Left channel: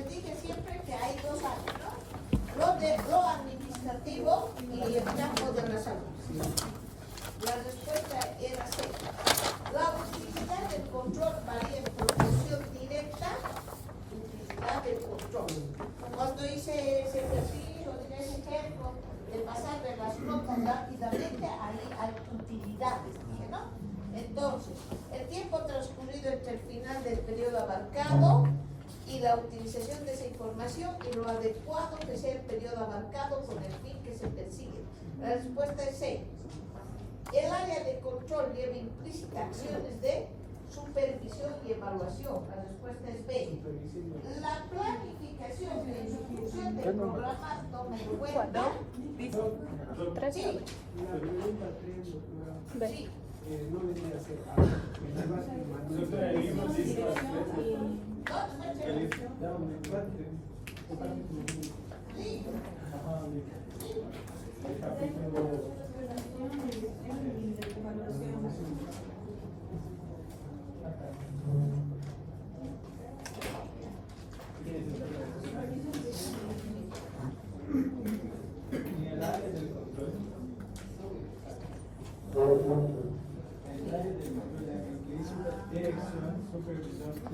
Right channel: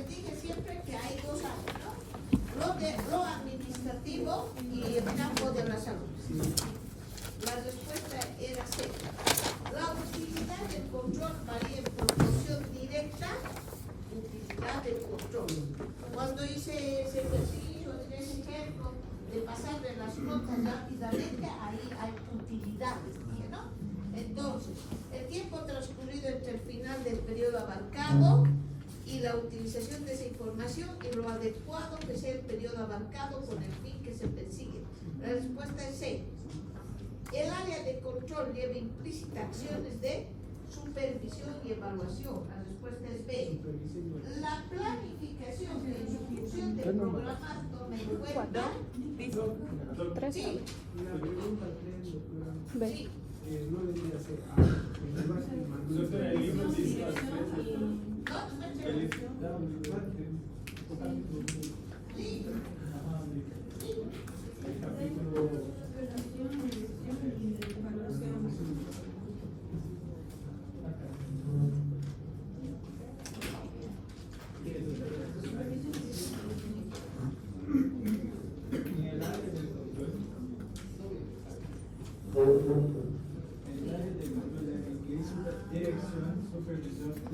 les dije siempre que hay dos áreas, ¿no? Lo administrativo y el campo de la salud. La respuesta era C. La utilidad del control varía en proporción directa utilidad del control. Cuando hice ese ejercicio, ese ejemplo de pasar de las notas rápidamente, ahí hay utilidades, ¿no? Entonces, el tiempo transcurrido entre el final del periodo abarcado y la utilización de esa información y lo adecuado que sea el periodo abarcado con el fin que se persigue. La respuesta es C. El área de control lleva implícita acciones de supervisión y evaluación. La respuesta es B. La planificación y ejecución del programa toma en cuenta. Sí. La pregunta 3, doctora. Sí. No debería ser A. Dirección, supervisión y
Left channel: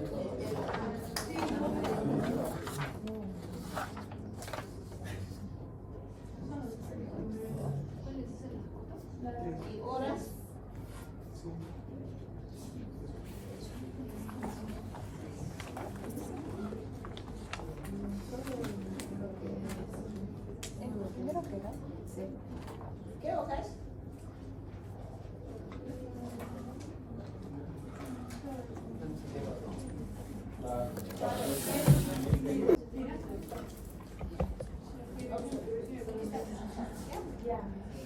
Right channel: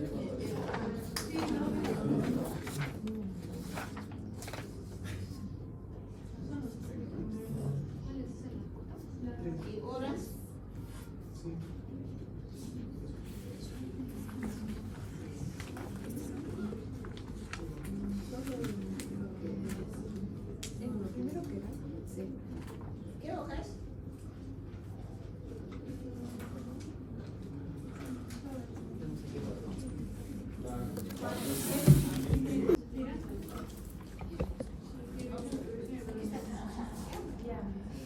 ¿Y horas? ¿Qué hojas?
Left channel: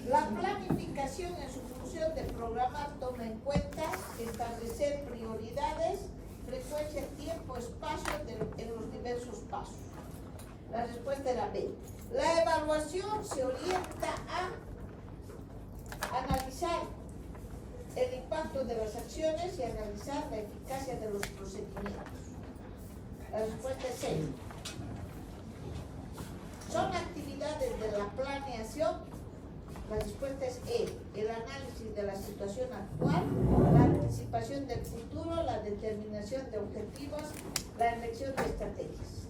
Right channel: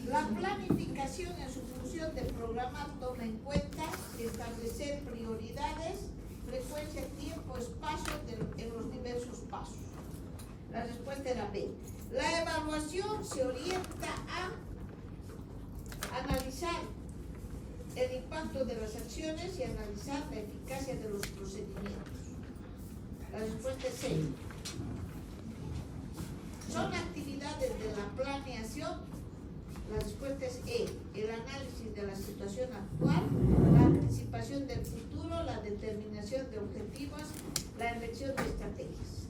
La planificación en su función de programa toma en cuenta establecer prioridades, frecuencia, tiempo, espacio en los diversos pasos. La respuesta era B. La evaluación se orienta a analizar el impacto de las acciones y analizar la eficacia de los procedimientos. La respuesta es C. Son actividades de la planeación. La respuesta es E. El análisis de la situación actual, la anticipación del futuro, la determinación de objetivos, la elección de estrategias.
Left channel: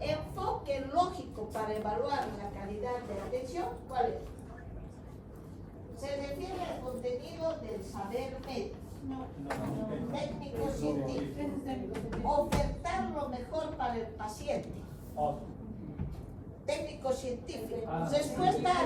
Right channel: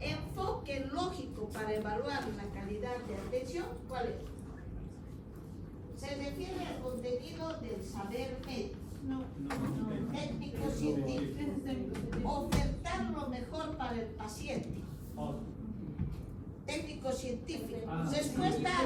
Enfoque lógico para evaluar la calidad de la atención, ¿cuál es? Se refiere al contenido del saber médico, técnico científico, ofertar lo mejor para el paciente, técnico científico, respuesta a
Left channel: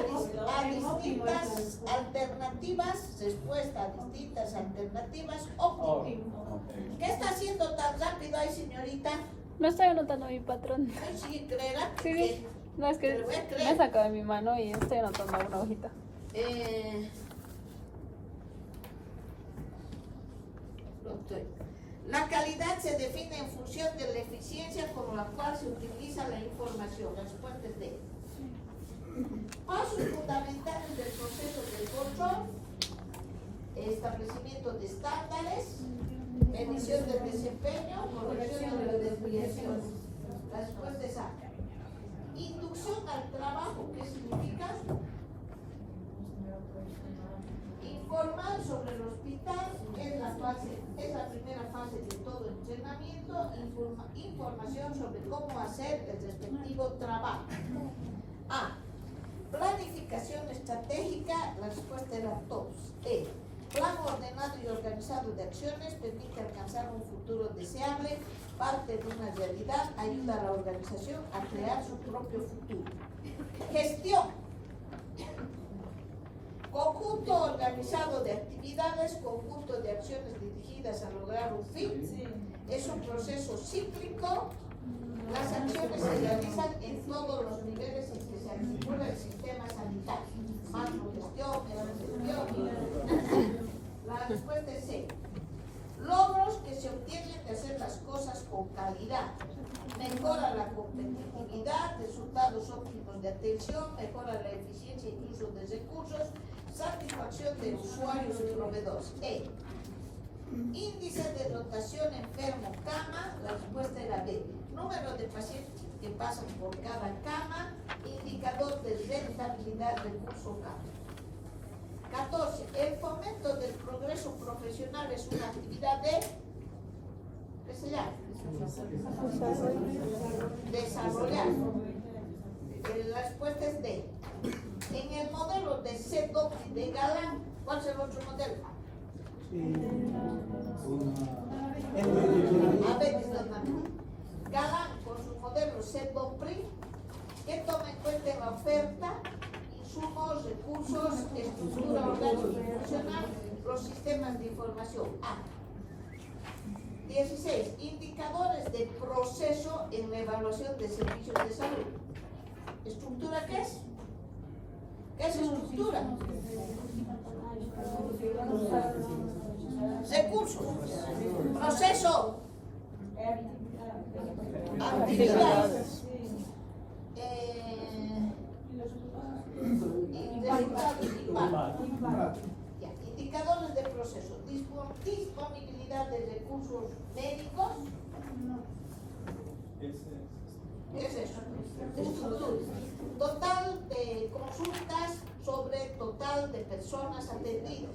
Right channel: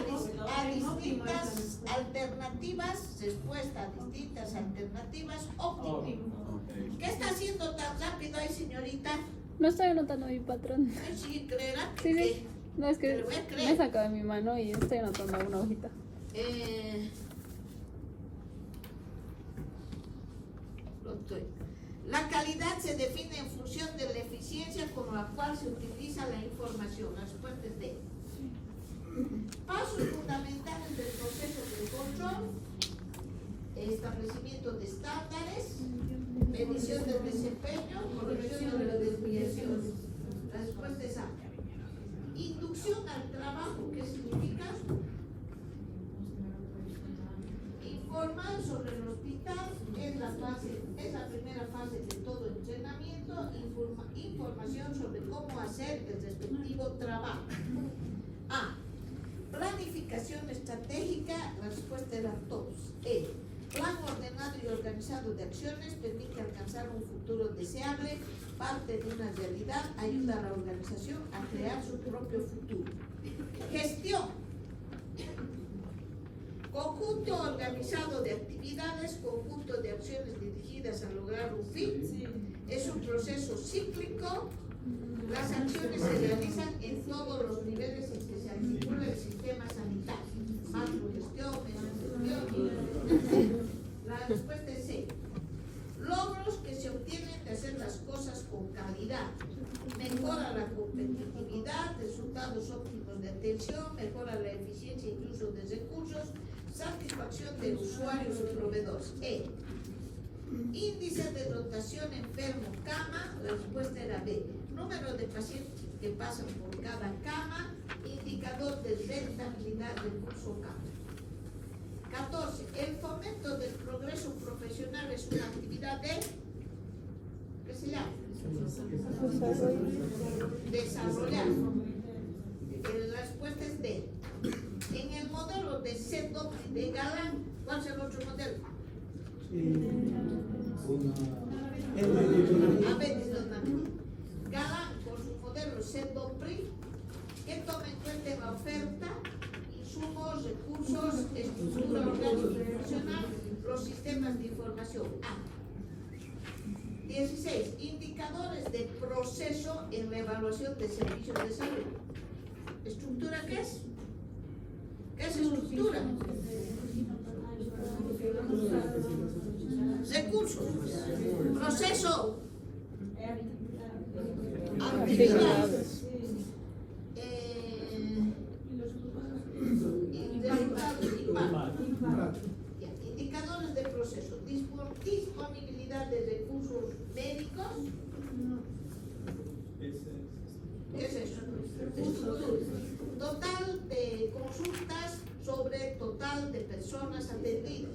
distintas alternativas, óptimo. ¿Qué está haciendo tan rápido ahí, señorita? No estoy anotando mi patrón. ¿Sí creerá? Sí. No, es que Te lo voy a me creer. he sacado de mi mano y estoy anotando una hojita. La calidad se define en función de la eficiencia con la cual se utiliza la información. La respuesta es D. Pasos fundamentales del proceso de control: establecimiento de estándares, medición del desempeño, corrección de las desviaciones. La respuesta es A. Inducción al trabajo, ¿qué significa? Informar sobre el hospital es la primera fase de todo entrenamiento. Información sobre cómo hacer el respectivo trabajo. A. Planificación estratégica. La respuesta era todos. E. Plan ordenado y organizado de acciones permite alcanzar un futuro deseable, parte de una realidad, ayuda a la organización a crear su propio futuro. Gestión. Conjunto organizado de actividades, conjunto de acciones dirigidas a lograr un fin. Es un proceso cíclico. Las acciones se realizan en todos los niveles en que se articula el sistema sanitario. Macrogestión, menor. La respuesta es C. Logros que se obtienen de hacer las cosas con calidad. Mejora la competitividad, resultados óptimos de atención, mejora la eficiencia y uso de recursos, satisfacción de usuarios y proveedores. E. Índice de rotación enfermo-cama. La respuesta era B. número de pacientes que pasan por cada cama, indicador de rentabilidad del curso cama. 14. El fomento del progreso profesional es una actividad de, ¿qué se llama? Desarrollar. La respuesta es D. En el modelo de CEDOC de Galán, ¿cuál es el otro modelo? A ver, Galán con su modelo CEDOC-PRI, que toma en cuenta en la oferta insumos, recursos, estructura orgánica y funcional, los sistemas de información. A. 16. Indicadores de proceso en la evaluación de servicios de salud. ¿Estructura qué es? ¿Qué es estructura? Recursos. Proceso. Actividades. Resultados. Impacto. Ya. Indicadores de proceso. Disponibilidad de recursos médicos. ¿Qué es eso? Total de consultas sobre total de personas atendidas.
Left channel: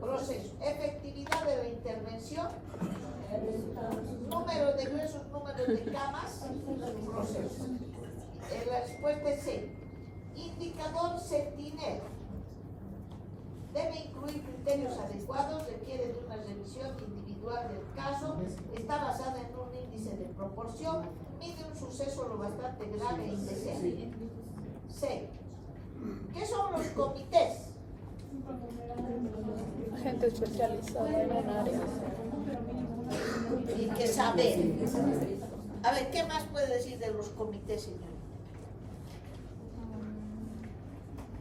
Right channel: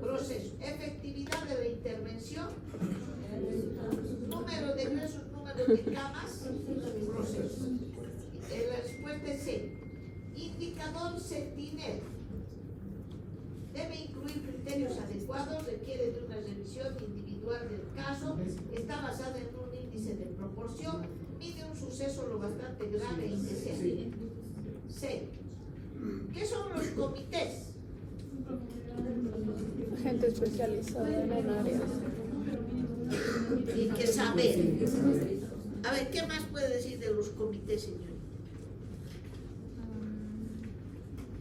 Proceso. Efectividad de la intervención. Número de ingresos, número de camas. Proceso. La respuesta es C. Indicador Sentinel. Debe incluir criterios adecuados, requiere de una revisión individual del caso, está basada en un índice de proporción, mide un suceso lo bastante grave e indeseable. C. ¿Qué son los comités? Gente especializada en un área. Y que saber. A ver, ¿qué más puede decir de los comités, señor?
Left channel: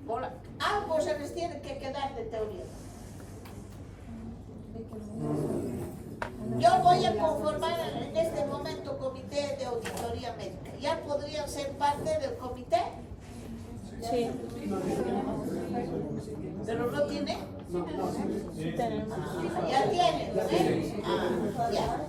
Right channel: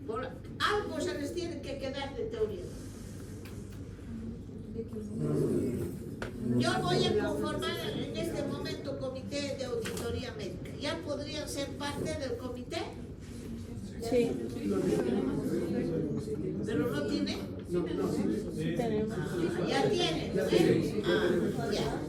Hola. Algo se les tiene que quedar de teoría. Yo voy a conformar en este momento comité de auditoría médica. ¿Ya podrían ser parte del comité? Sí. ¿Pero no tiene? Tenemos. Ya tiene, ¿eh? Ya.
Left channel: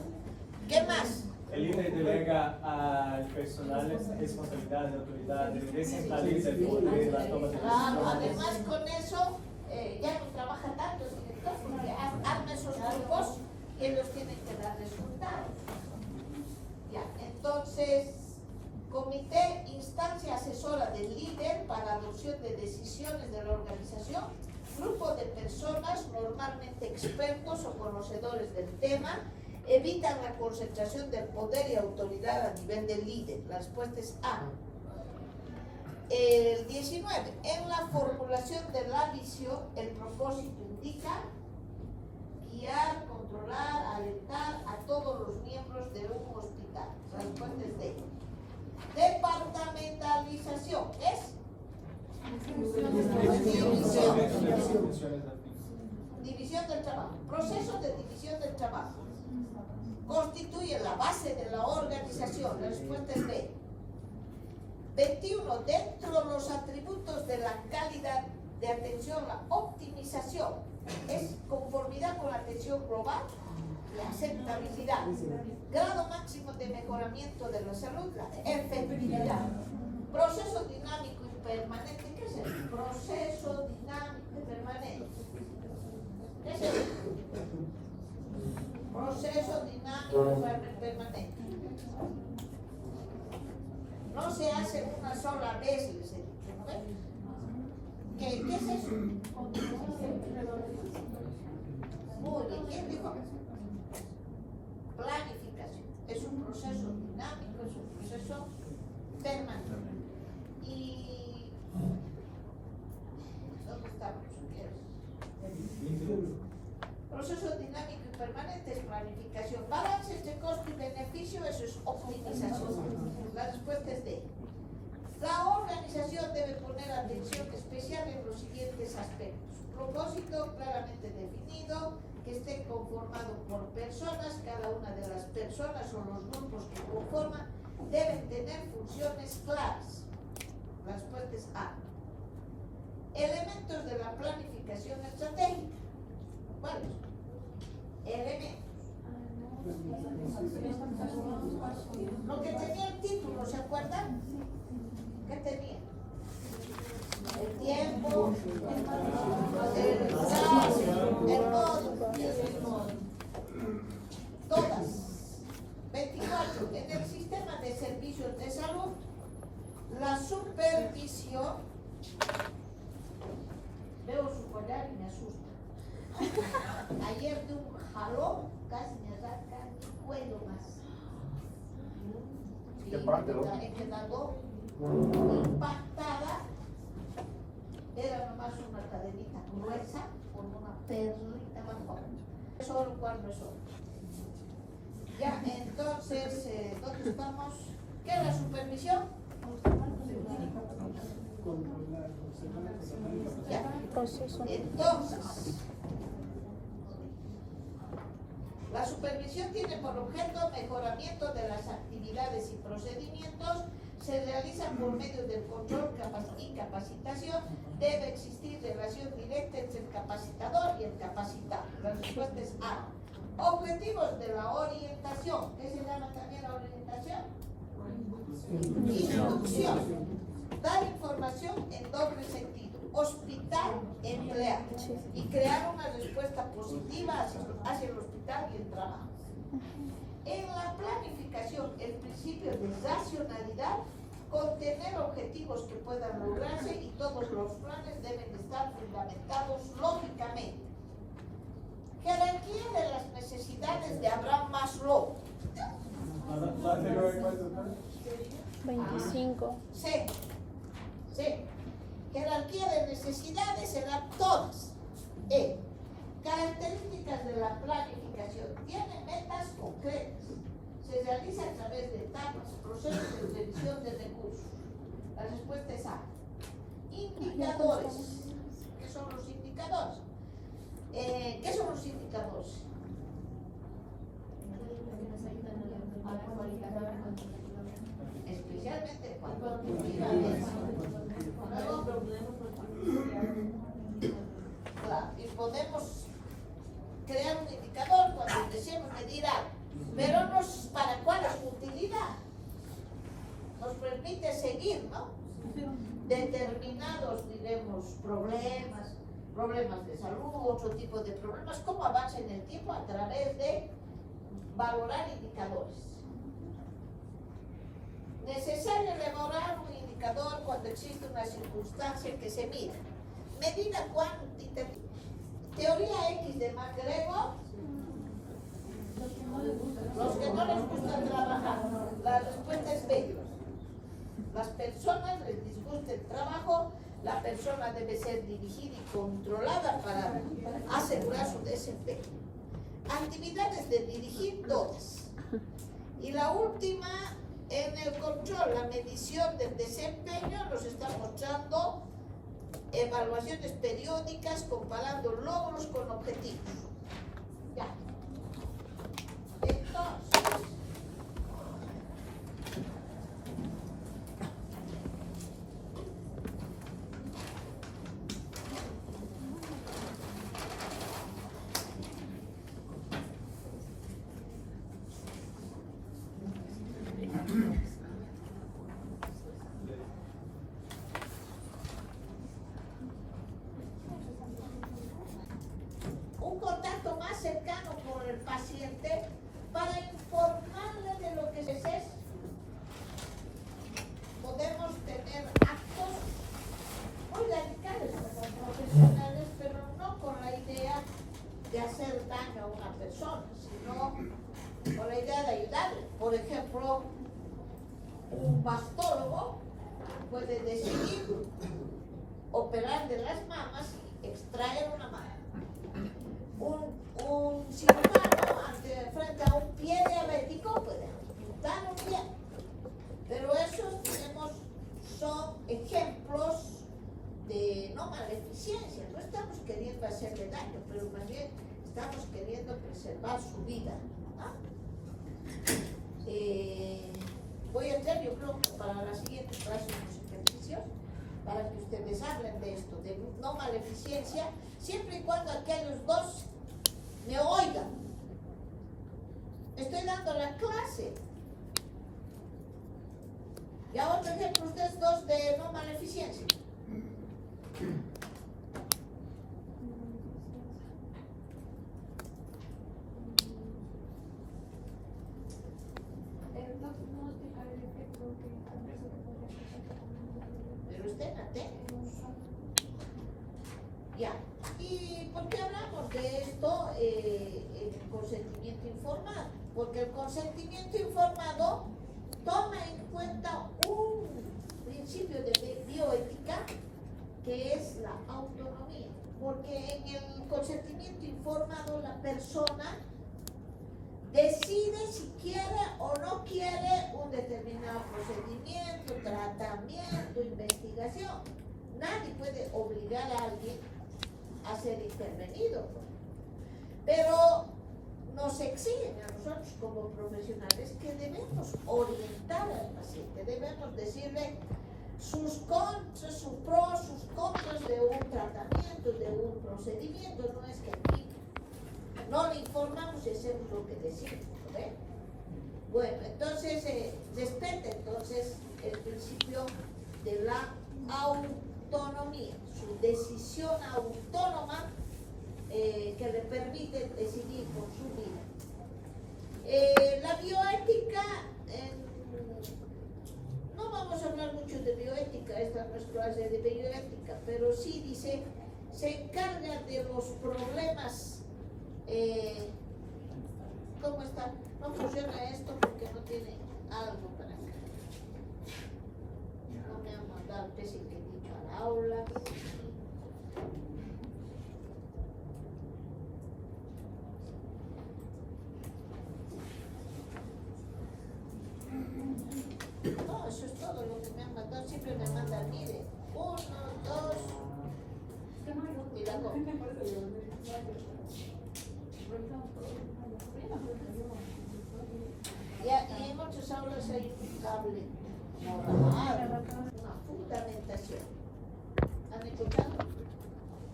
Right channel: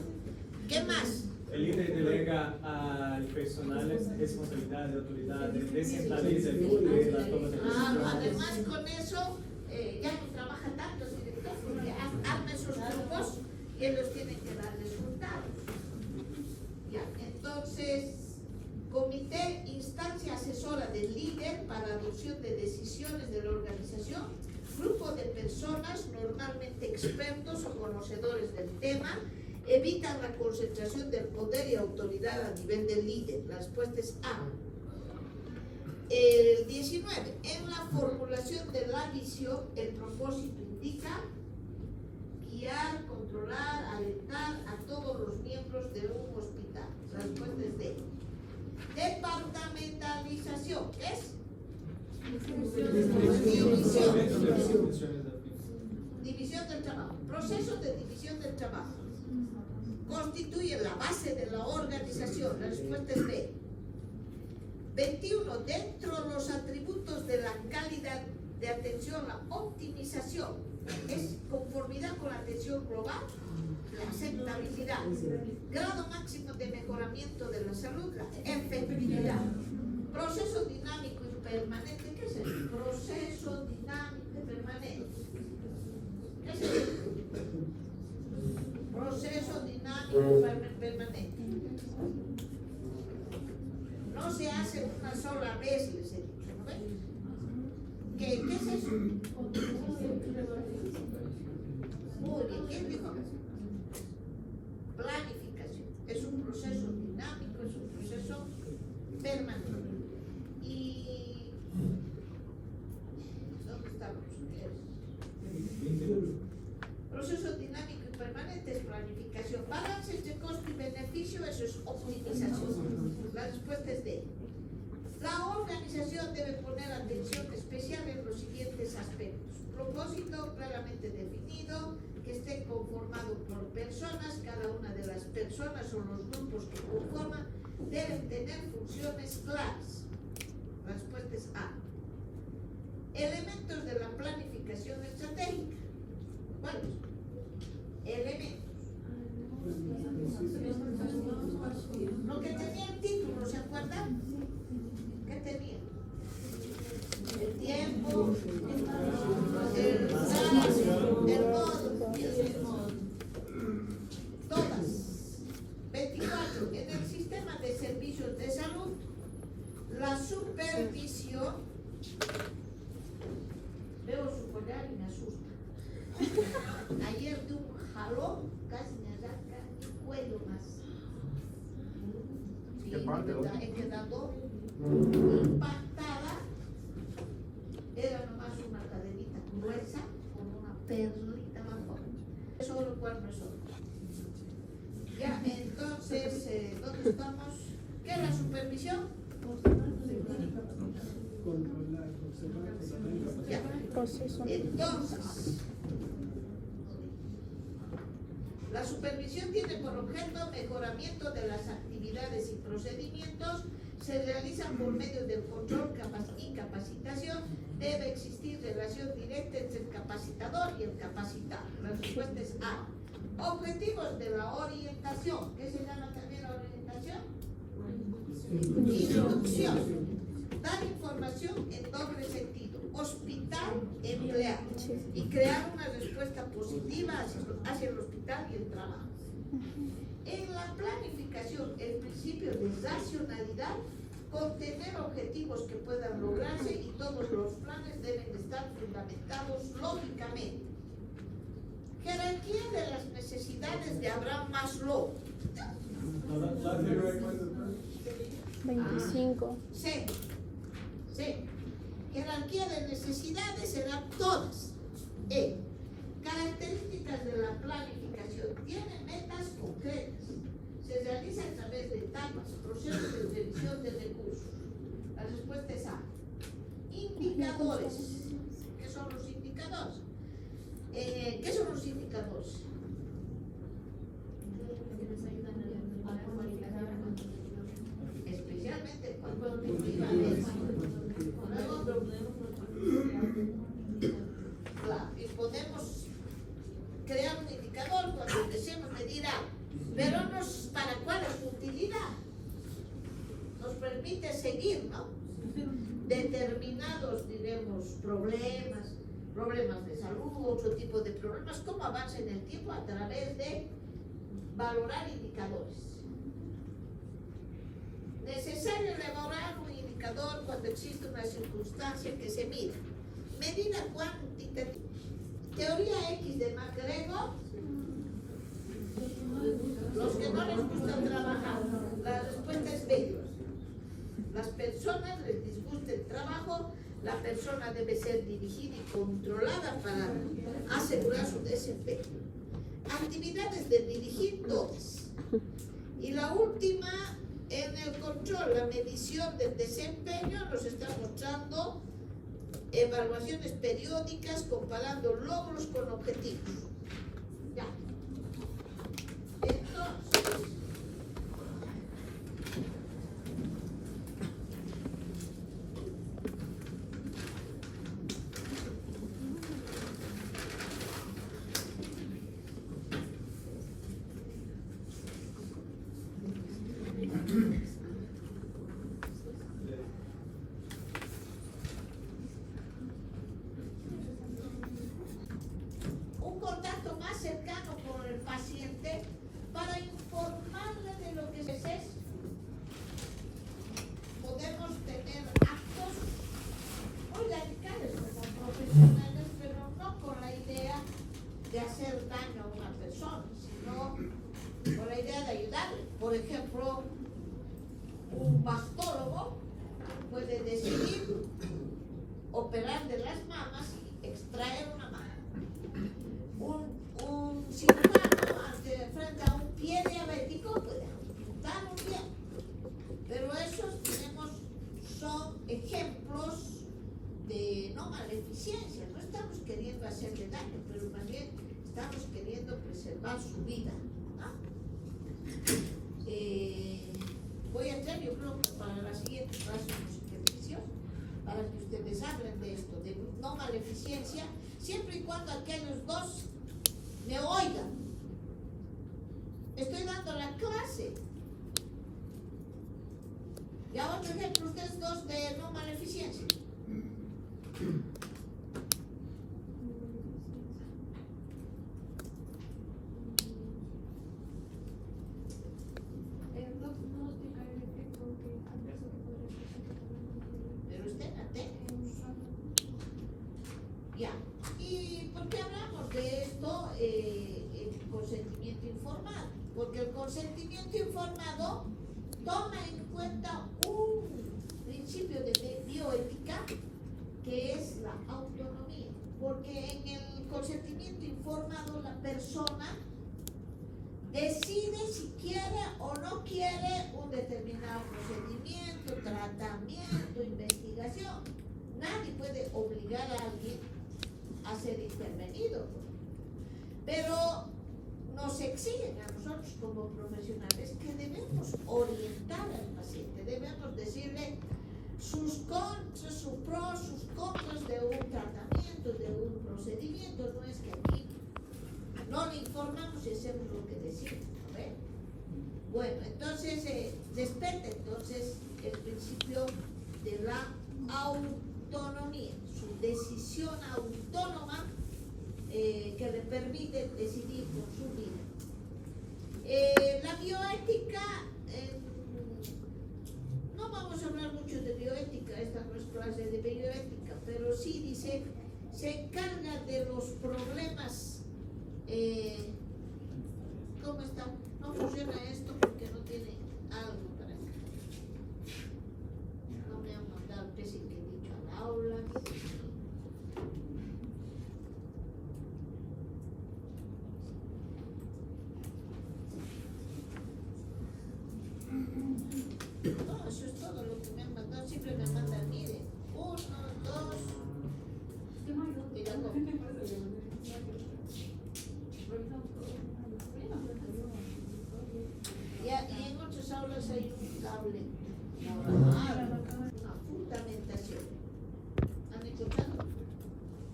¿Qué más? El INE delega al personal responsabilidad de autoridad, descentraliza el poder de la toma de decisiones. Además con eso ya no trabaja tanto el director porque arma esos grupos y ellos tienen que dar resultados. Ya, entonces, comité, instancia asesora del líder para adopción de decisiones de la organización, grupo de personas normalmente expertos o conocedores del tema, evitan la concentración del poder y autoridad a nivel del líder. La respuesta es A. El 19. En la formulación de la visión, el propósito indica guiar, controlar, alentar a todos los miembros de un hospital. La respuesta es D. Departamentalización es división del trabajo. Proceso de división del trabajo. Constituye la base de la organización. La respuesta es B. 21. Dentro de los atributos de la calidad de atención, la optimización es conformidad con la atención global, la aceptabilidad, grado máximo de mejoramiento de la salud, la efectividad, proceso dinámico y permanente. ¿Qué es eso? Proceso dinámico y permanente. ¿Qué es eso? Proceso dinámico y permanente. No se hace una sola vez, les he dicho, ¿no ven? ¿Qué es eso? Muy bien, ¿quién dijo? Planificación. Es un proceso dinámico, es un proceso permanente. Y ¿dónde estamos? Proceso dinámico y permanente es planificación. Balance entre costo y beneficio, eso es optimización. La respuesta es D. La organización debe poner atención especial en los siguientes aspectos. Propósito claramente definido, que esté conformado por personas, cada una de las personas o los grupos que conforman deben tener funciones claras. La respuesta es A. Elementos de la planificación estratégica. ¿Cuáles? Elementos. Lo que tenía el título, ¿se acuerdan? ¿Qué tenía? El tiempo, el modo y el modo. Todas. 24. En el sistema de servicios de salud, la supervisión. Veo su collar y me asusta. Ayer de un jalón casi me arranca el cuello más. Y he quedado impactada. Era nomás una cadenita gruesa con una perlita abajo. Solo cuando es solo. Ya, entonces, ¿dónde estamos? ¿Qué es la supervisión? Controlar, observar, Ya. Entonces, la supervisión tiene por objeto mejoramiento de las actividades y procedimientos, se realizan por medio del control y capacitación, debe existir relación directa entre el capacitador y el capacitado. La respuesta es A. Objetivos de la orientación. ¿Qué se llama también la orientación? Instrucción. Dar información en doble sentido. Hospital, empleado. Y crear una respuesta positiva hacia el hospital y el trabajo. En la planificación, el principio de racionalidad, contener objetivos que puedan lograrse y todos los planes deben estar fundamentados lógicamente. Jerarquía de las necesidades de Abraham Maslow. 25. C. Jerarquía de necesidades serán todas. E. Características de la planificación. Tiene metas concretas. Se realiza a través de etapas, procesos de revisión de recursos. La respuesta es A. Indicadores. ¿Qué son los indicadores? ¿Qué son los indicadores? Especialmente cuando claro, y podemos crear un indicador cuando deseemos medir algo, pero ¿para cuál es su utilidad? Nos permite seguir, ¿no? Determinados, diremos, problemas de salud, otro tipo de problemas, cómo avanza en el tiempo a través de valorar indicadores. Necesario elaborar un indicador cuando existe una circunstancia que se mide. Medida cuantitativa. Teoría X de MacGregor. Los que no les gusta trabajar. La respuesta es B. Las personas les disgusta el trabajo. La persona debe ser dirigida y controlada para asegurar su desempeño. Actividades de dirigir, todas. Y la última, en el control, la medición del desempeño, nos está mostrando evaluaciones periódicas comparando logros con objetivos. Ya. Entonces, un contacto más cercano con el paciente para informarle de lo que es. Podemos tener actos muy radicales como profesionales, pero no con la idea de hacer daño a una persona, sino con la idea de ayudarle. Por ejemplo, un mastólogo puede decidir operar de las mamas y extraer una mama. Un cirujano frente a un pie diabético puede amputar un pie. Pero esos, digamos, son ejemplos de no maleficencia. No estamos queriendo hacerle daño, pero más bien estamos queriendo preservar su vida. ¿Ah? Voy a hacer, yo creo que para la siguiente clase unos ejercicios para que ustedes hablen de esto, de no maleficencia, siempre y cuando aquellos dos me oigan. Estoy dando la clase. Ya otro ejemplo, ustedes dos de no maleficencia. Pero usted atento. Ya. ¿Y por qué hablamos de esto, el consentimiento informado? Porque el consentimiento informado toma en cuenta un principio de bioética que es la autonomía. Porque en el consentimiento informado la persona decide si quiere o no quiere un determinado procedimiento, tratamiento, investigación. Nadie puede obligar a alguien a ser intervenido. Pero nos exigen a nosotros como profesionales que debemos orientar al paciente, debemos decirle sus contras, sus pros, sus contras de un tratamiento, de un procedimiento. No es que aquí no le informamos y hacemos lo que decimos, ¿ve? Bueno, entonces respeta entonces el principio de la autonomía, su decisión autónoma que le permite decidir por su vida. La bioética, no vamos a hablar mucho de bioética, esta no es clase de bioética, pero sí dice, se encarga de los problemas. ¿Cómo está? No funciona esto porque no tiene algo para acá. No me han mandado qué es el que he dicho al aula. No, eso es todo lo que me han mandado. Siempre me mandan, mire, 1, 2 y la copia. Y en muchas aulas hay un cable normal, una fundamentación. ¿Han escuchado?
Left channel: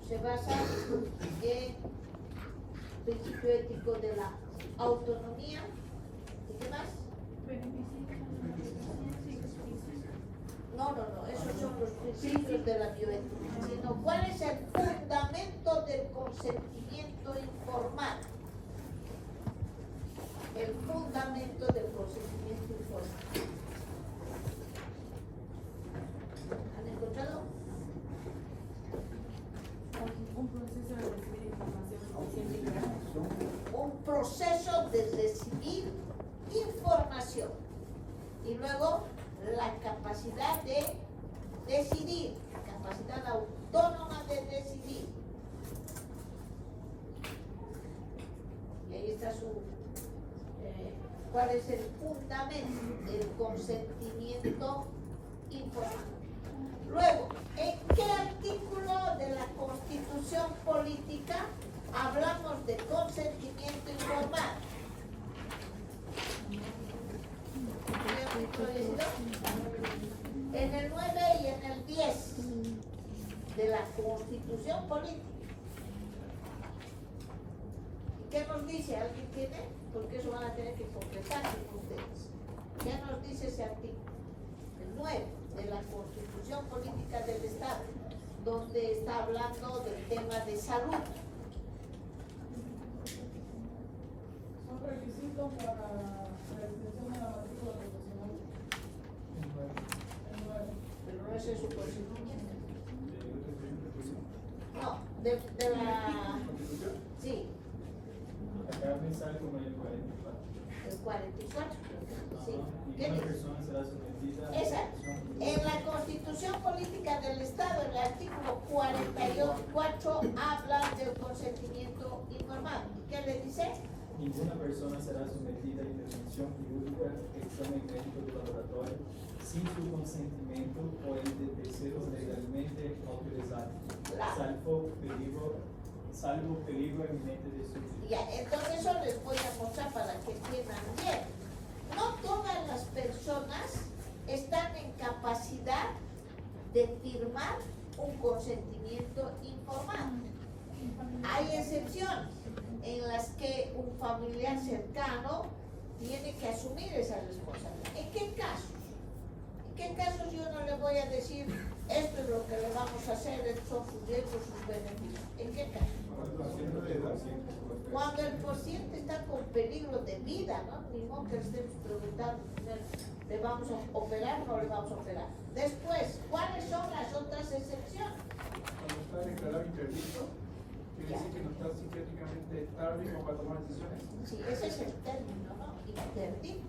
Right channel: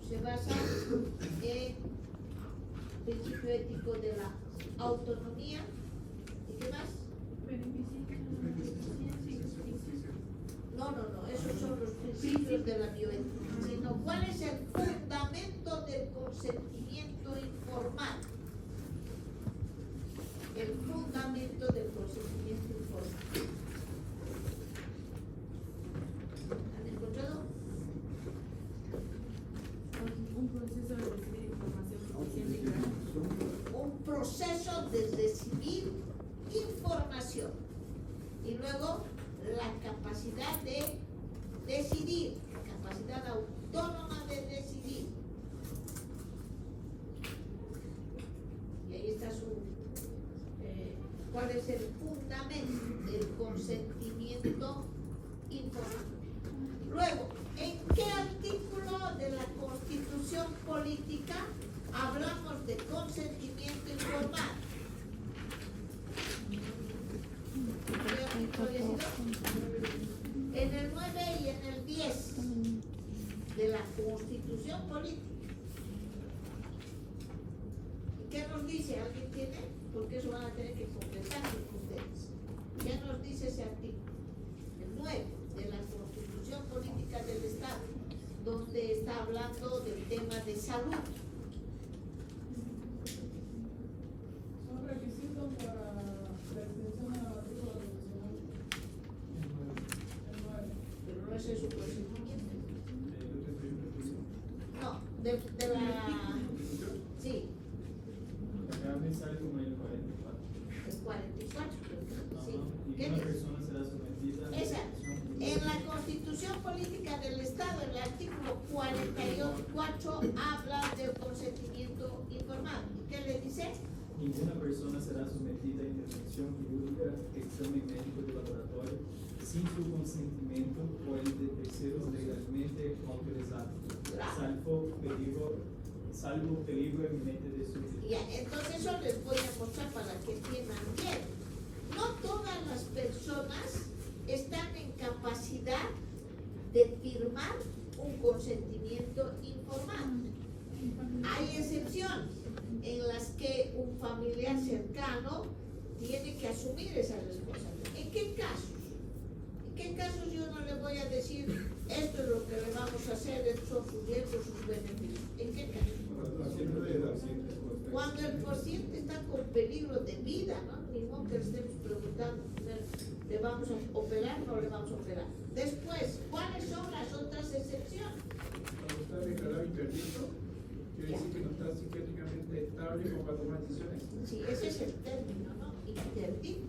Se basa en principio ético de la autonomía. ¿Y qué más? No, esos son los principios de la bioética, sino cuál es el fundamento del consentimiento informado. El fundamento del consentimiento informado. ¿Han encontrado? Un proceso de recibir información y luego la capacidad de decidir, la capacidad autónoma de decidir. Y ahí está cuál es el fundamento del consentimiento informado. Luego, ¿en qué artículo de la Constitución Política hablamos de consentimiento informado? En el 9 y en el 10 de la Constitución Política. ¿Qué nos dice? ¿Alguien tiene? Porque eso van a tener que completar con ustedes. ¿Qué nos dice ese artículo? El 9 de la Constitución Política del Estado, donde está hablando del tema de salud. Son requisitos para la extensión de la matrícula profesional. Pero no es su consentimiento. No, de la... Sí, Acá me sale como el 44. el 44. Sí. ¿Qué Ninguna dice? persona será sometida a Exacto. En la Constitución Política del Estado, en el artículo 44, habla del consentimiento informado. ¿Qué le dice? Ninguna persona será sometida a intervención quirúrgica, examen médico de laboratorio, sin su consentimiento o el de terceros legalmente autorizados, salvo peligro eminente de su vida. Ya, entonces eso les voy a mostrar para que entiendan bien. No todas las personas están en capacidad de firmar un consentimiento informado. Hay excepciones en las que un familiar cercano tiene que asumir esa responsabilidad. ¿En qué casos? ¿En qué casos yo no le voy a decir esto es lo que le vamos a hacer, estos son sus derechos, sus beneficios? ¿En qué casos? Cuando el paciente está con peligro de vida, ¿no? Ni modo que le estemos preguntando, ¿le vamos a operar o no le vamos a operar? Después, ¿cuáles son las otras excepciones? Cuando está declarado interdicto, quiere decir que no está psiquiátricamente estable como para tomar decisiones. Sí, ese es el término, ¿no? Interdicto.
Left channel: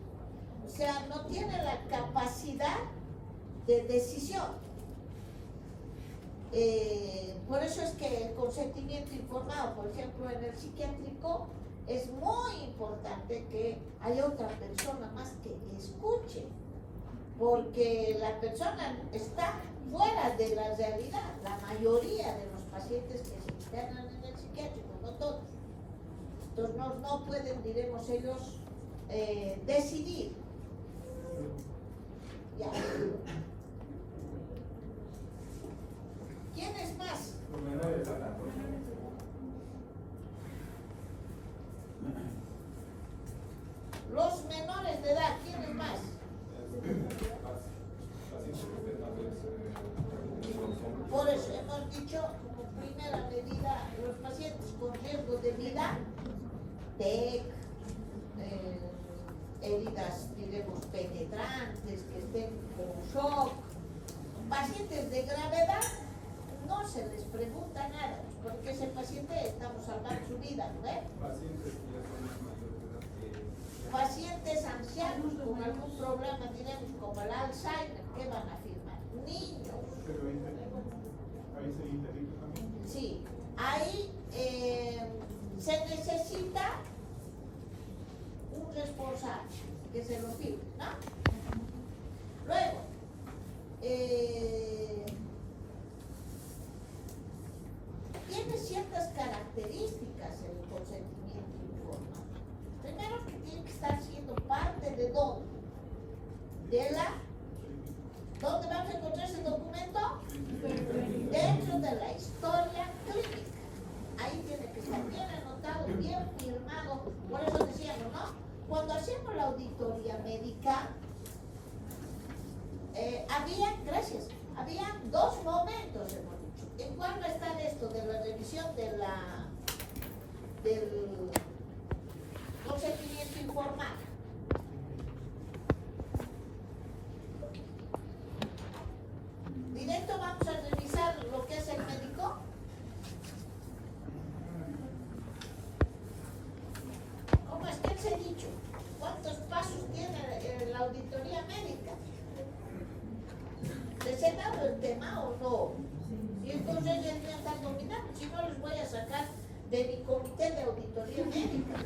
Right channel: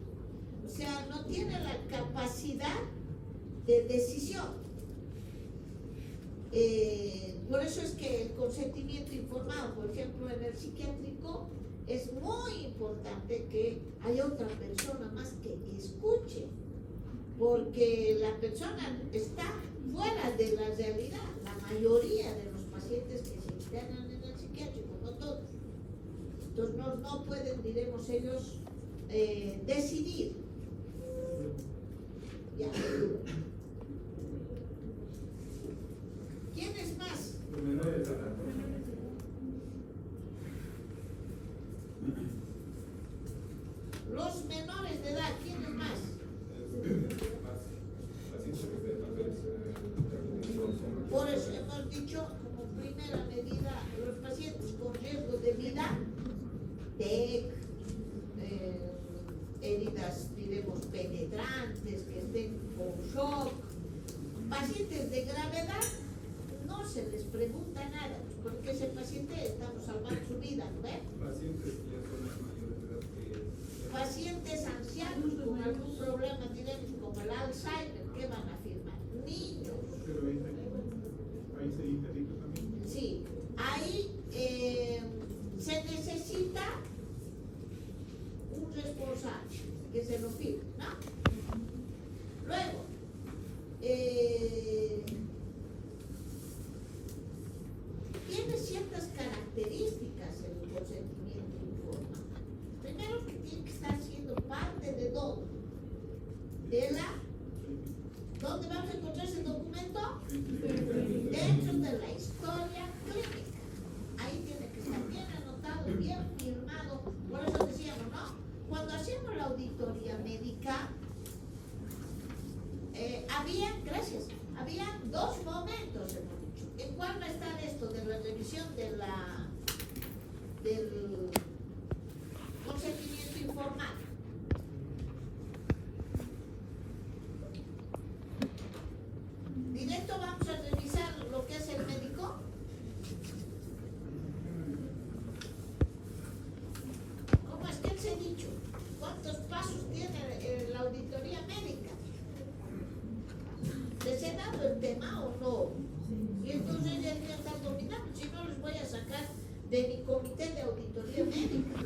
O sea, no tiene la capacidad de decisión. Por eso es que el consentimiento informado, por ejemplo, en el psiquiátrico, es muy importante que haya otra persona más que escuche, porque la persona está fuera de la realidad. La mayoría de los pacientes que se internan en el psiquiátrico, no todos, entonces no pueden, diremos ellos, decidir. Ya. ¿Quién es más? Los menores de edad, ¿quién es más? Por eso hemos dicho como primera medida los pacientes con riesgo de vida, TEC, heridas, diremos, penetrantes, que estén con shock, pacientes de gravedad, no se les pregunta nada, porque ese paciente estamos salvando su vida, ¿no ve? Pacientes ancianos con algún problema, diremos, como el Alzheimer, ¿qué van a firmar? Niños. Pero ahí se interdicto también. Sí, ahí se necesita un responsable que se lo firme, ¿no? Luego, tiene ciertas características el consentimiento informado. Primero que tiene que estar siendo parte de dónde. De la. ¿Dónde vamos a encontrar ese documento? Dentro de la historia clínica. Ahí tiene que estar bien anotado, bien firmado. Por eso decíamos, ¿no? Cuando hacíamos la auditoría médica, había dos momentos, hemos dicho. ¿En cuál va a estar esto de la revisión del consentimiento informado? Directo vamos a revisar lo que es el médico. ¿Cómo es que les he dicho? ¿Cuántos pasos tiene la auditoría médica? ¿Les he dado el tema o no? Y entonces ellos me están dominando, si no les voy a sacar de mi comité de auditoría médica.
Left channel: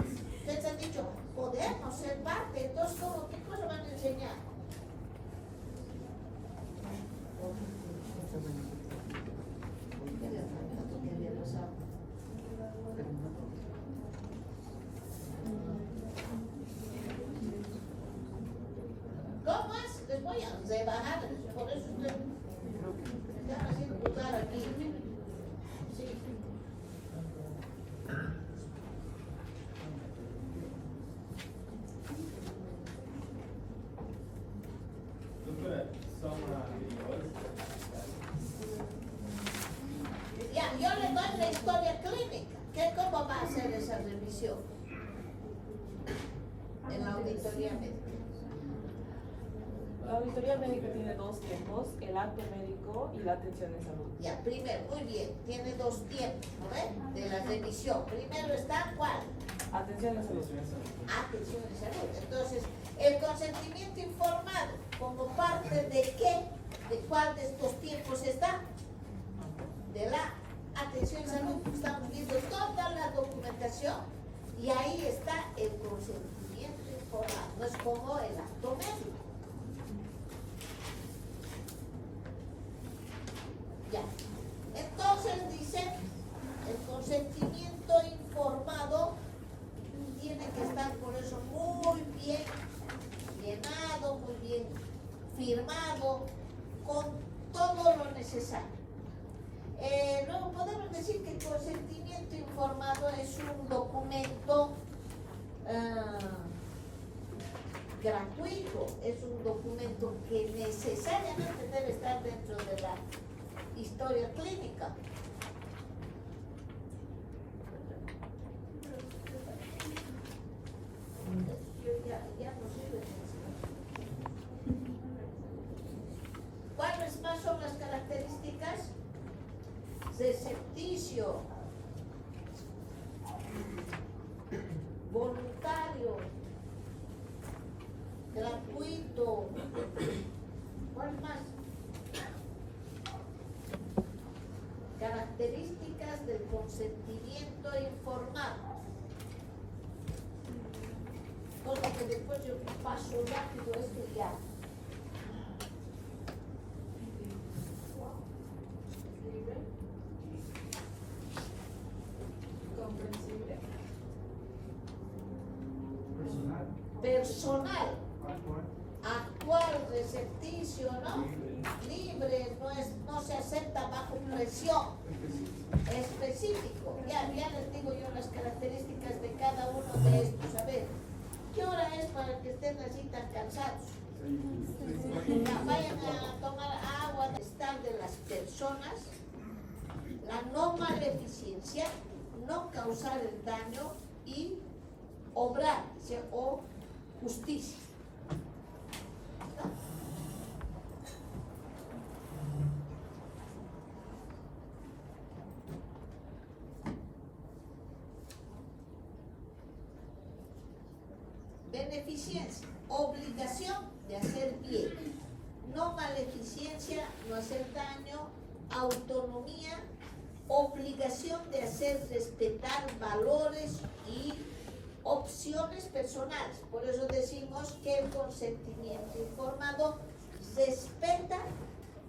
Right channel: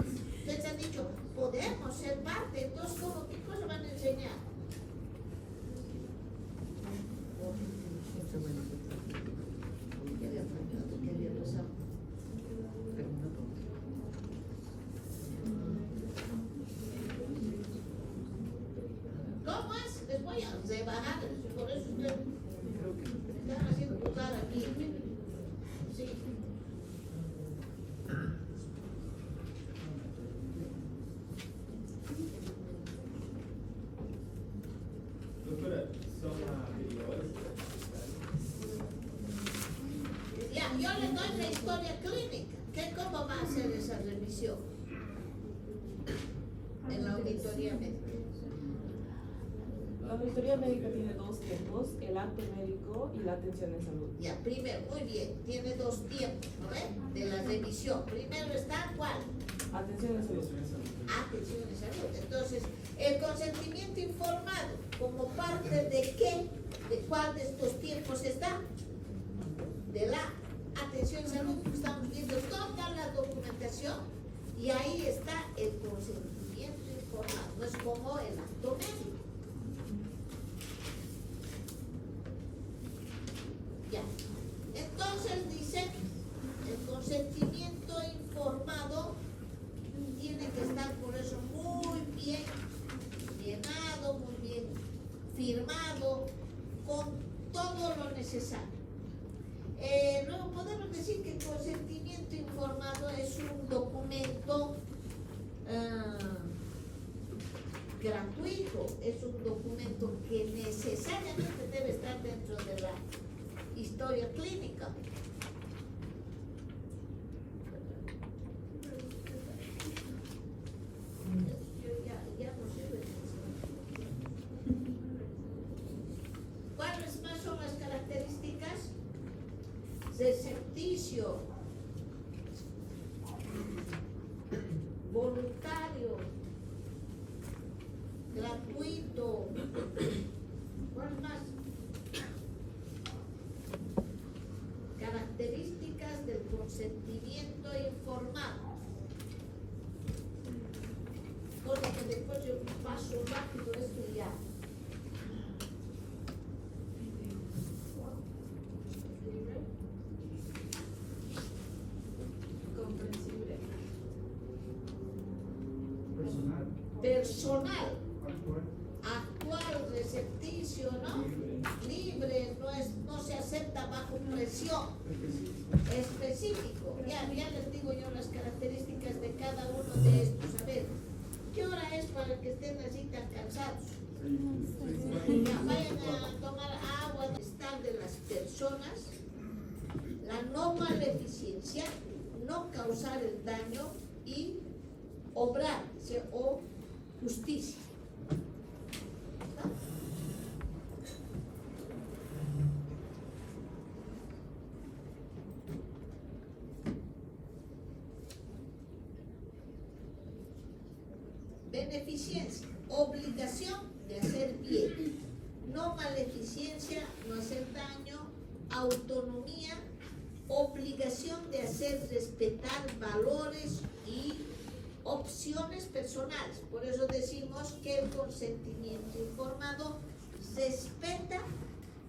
Les han dicho, podemos ser parte, entonces ¿cómo? ¿Qué cosa van a enseñar? ¿Cómo es? Les voy a rebajar, por eso me están haciendo dudar aquí. Sí. Doutora, só uma curiosidade. Ya, yo le doy la historia clínica. ¿Cómo va a hacer esa revisión? En la auditoría médica. La auditoría médica tiene dos tiempos, el acto médico y la atención en salud. Ya, primero, muy bien, tiene dos tiempos, ¿no ve? De la revisión. Primero está, ¿cuál? Atención en salud. Atención en salud. Entonces, el consentimiento informado, ¿como parte de qué? ¿De cuál de estos tiempos está? De la atención en salud. Estamos viendo toda la documentación y ahí está el consentimiento informado. No es como el acto médico. Ya. Entonces dice, el consentimiento informado tiene que estar por eso muy bien llenado, muy bien firmado, con todo lo necesario. Luego podemos decir que el consentimiento informado es un documento gratuito, es un documento que necesariamente debe estar dentro de la historia clínica. Ya no sirve. ¿Cuáles más son las características? Recepticio, voluntario, gratuito. ¿Cuál más? Características del consentimiento informado. Cosa que después yo paso rápido esto y ya. Comprensible. Personal. Personal, Actual. actual, recepticio, ¿no? Libre, no se acepta bajo presión. Específico. Ya les digo yo las características de cada uno de estos. A ver, ¿qué hora es para que estén así tan cansados? Ya, vayan a tomar agua. Estar de las personas, la no maleficencia, no causar el daño y obrar, ¿sí? O justicia. ¿Está? Beneficencia, obligación de hacer bien. No maleficencia, no hacer daño. Autonomía, obligación de hacer respetar valores y opciones personales. Por eso decimos que el consentimiento informado respeta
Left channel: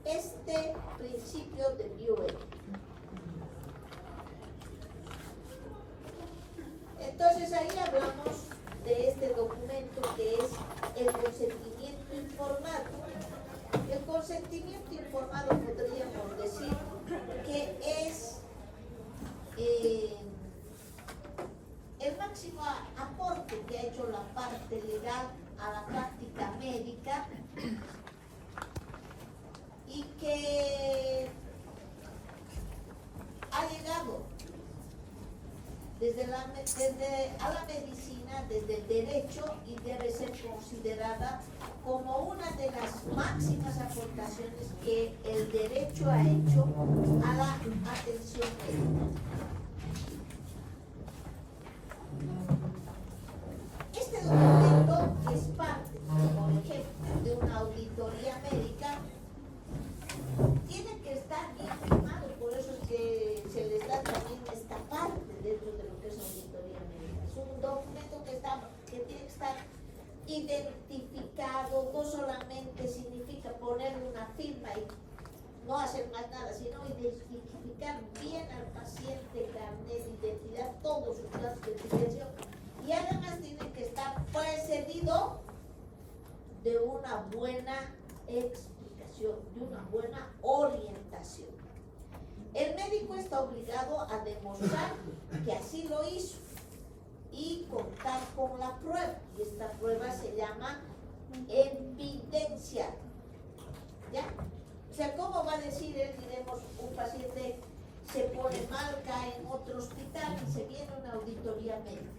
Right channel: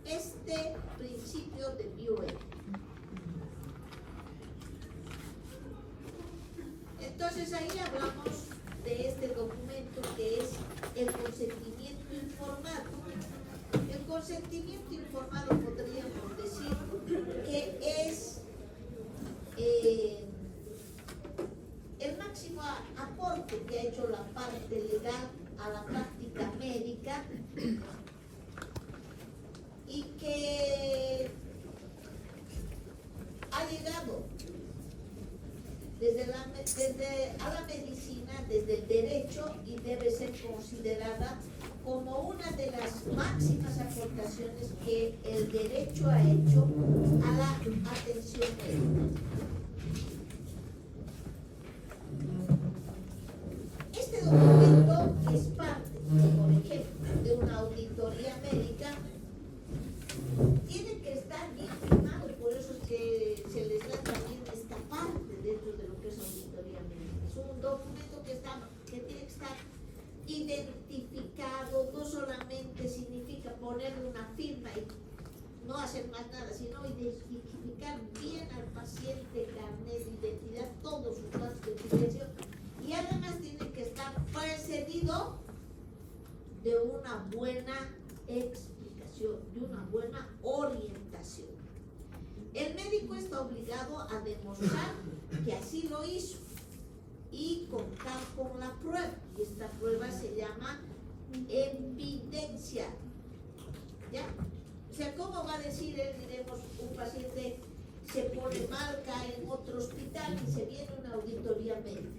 este principio de Dewey. Entonces ahí hablamos de este documento que es el consentimiento informado. El consentimiento informado podríamos decir que es el máximo aporte que ha hecho la parte legal a la práctica médica y que ha llegado a la medicina desde el derecho y debe ser considerada como una de las máximas aportaciones que el derecho ha hecho a la atención médica. Este documento es parte, por ejemplo, de una auditoría médica. Tiene que estar bien firmado, por eso es que se les da también esta parte dentro de lo que es auditoría médica. Es un documento que tiene que estar identificado, no solamente significa ponerle una firma y no hacer más nada, sino identificar bien al paciente, carnet de identidad, todos sus datos de filiación, y además tiene que estar precedido de una buena explicación, de una buena orientación. El médico está obligado a demostrar que así lo hizo y contar con la prueba, y esta prueba se llama evidencia. ¿Ya? O sea, ¿cómo va a decir él, diremos, un paciente se pone mal, cae en otro hospital y se viene una auditoría médica?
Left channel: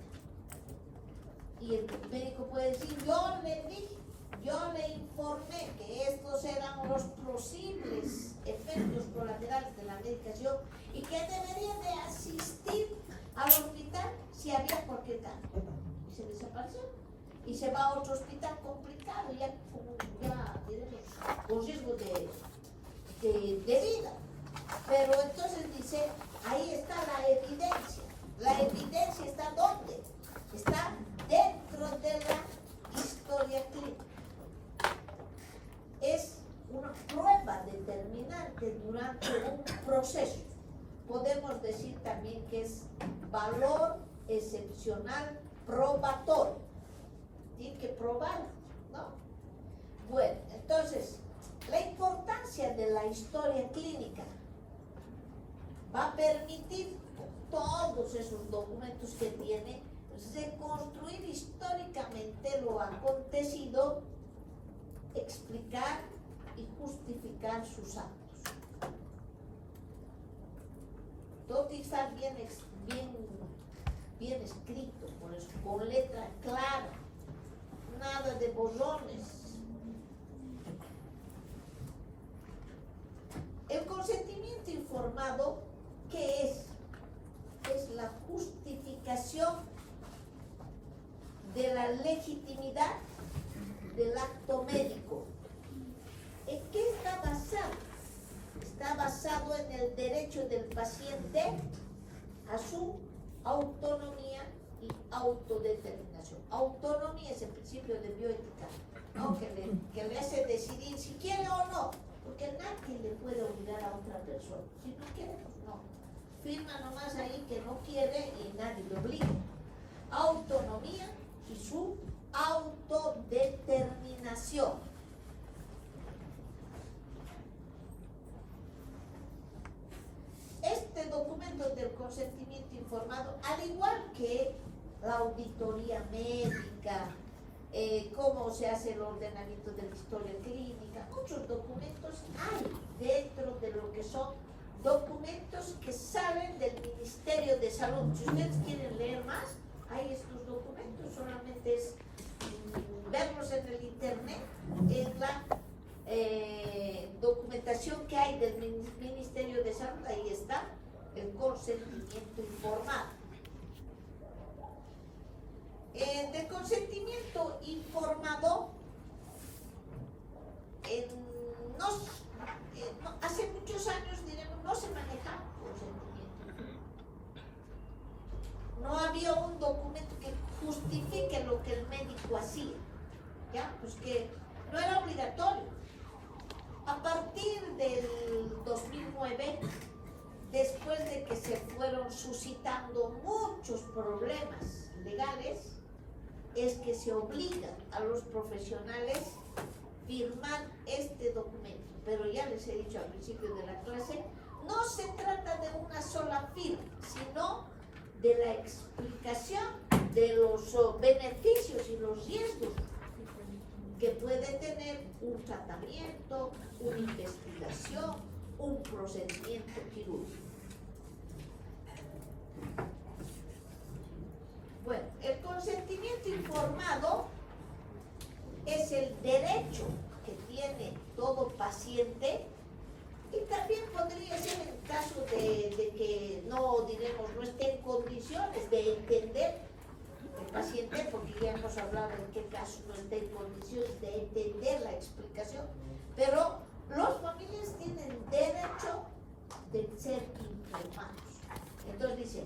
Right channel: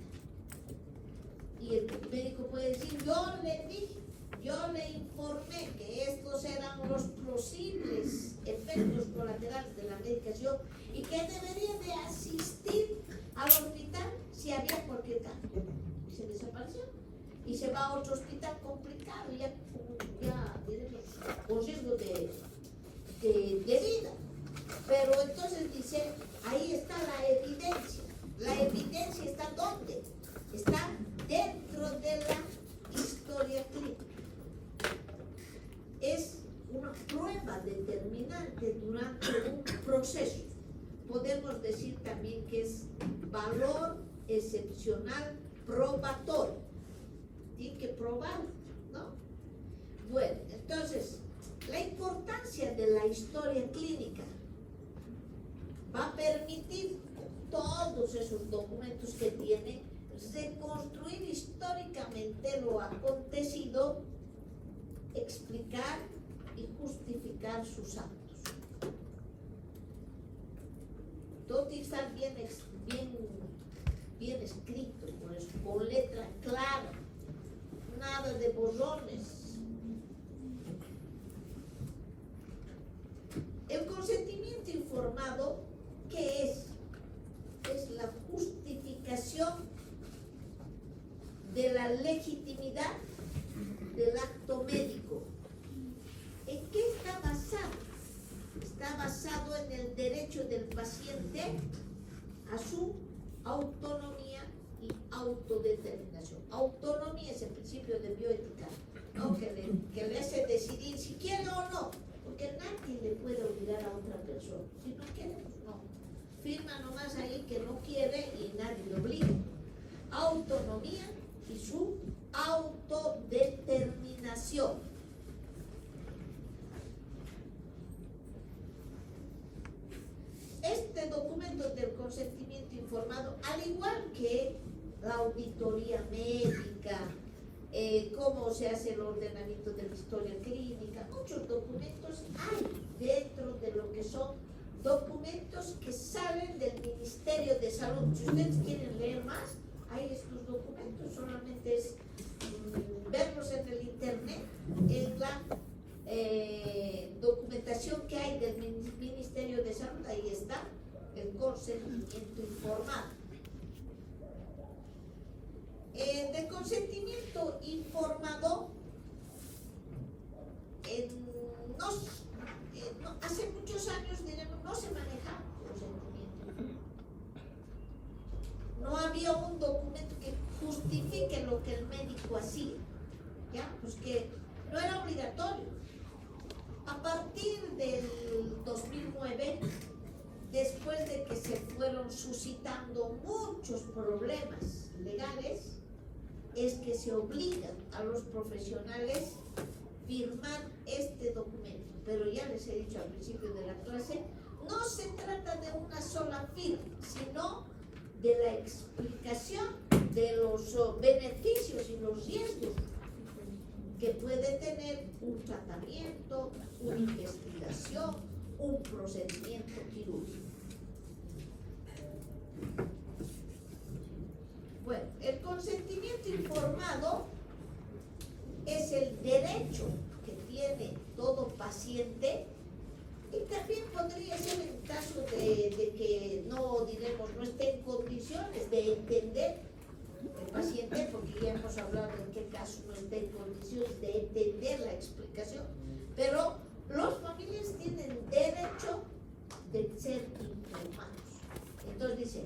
Y el médico puede decir, yo le dije, yo le informé que estos eran los posibles efectos colaterales de la medicación y que debería de asistir al hospital si había cualquier cambio. Y se desapareció. Y se va a otro hospital complicado, ya diremos, con riesgo de vida. Pero entonces dice, ahí está la evidencia. La evidencia está ¿dónde? Está dentro de la historia clínica. Es una prueba determinante durante un proceso. Podemos decir también que es valor excepcional probatorio. Tiene que probar, ¿no? Bueno, entonces, la importancia de la historia clínica va a permitir todos esos documentos que tiene reconstruir históricamente lo acontecido, explicar y justificar sus actos. Todo tiene que estar bien escrito, con letra clara, nada de borrones. El consentimiento informado, ¿qué es? Es la justificación de la legitimidad del acto médico. ¿En qué está basado? Está basado en el derecho del paciente a su autonomía y autodeterminación. Autonomía es el principio de bioética, ¿no? que le hace decidir si quiere o no, porque nadie le puede obligar a otra persona. Si no quiere, pues no. Firma nomás ahí que no quiere y nadie le obliga. Autonomía y su autodeterminación. Este documento del consentimiento informado, al igual que la auditoría médica, cómo se hace el ordenamiento de la historia clínica, muchos documentos hay dentro de lo que son documentos que salen del Ministerio de Salud. Si ustedes quieren leer más, hay estos documentos, solamente es verlos en el internet, en la documentación que hay del Ministerio de Salud, ahí está el consentimiento informado. Del consentimiento informado, hace muchos años, diremos, no se manejaba consentimiento. No había un documento que justifique lo que el médico hacía, ¿ya? Pues que no era obligatorio. A partir del 2009, después de que se fueron suscitando muchos problemas legales, es que se obliga a los profesionales firmar este documento. Pero ya les he dicho al principio de la clase, no se trata de una sola firma, sino de la explicación de los beneficios y los riesgos que puede tener un tratamiento, una investigación, un procedimiento quirúrgico. Bueno, el consentimiento informado es el derecho que tiene todo paciente, y también podría ser en caso de que no, diremos, no esté en condiciones de entender el paciente, porque ya hemos hablado en qué caso no está en condiciones de entender la explicación, pero los familiares tienen derecho de ser informados. Entonces dice,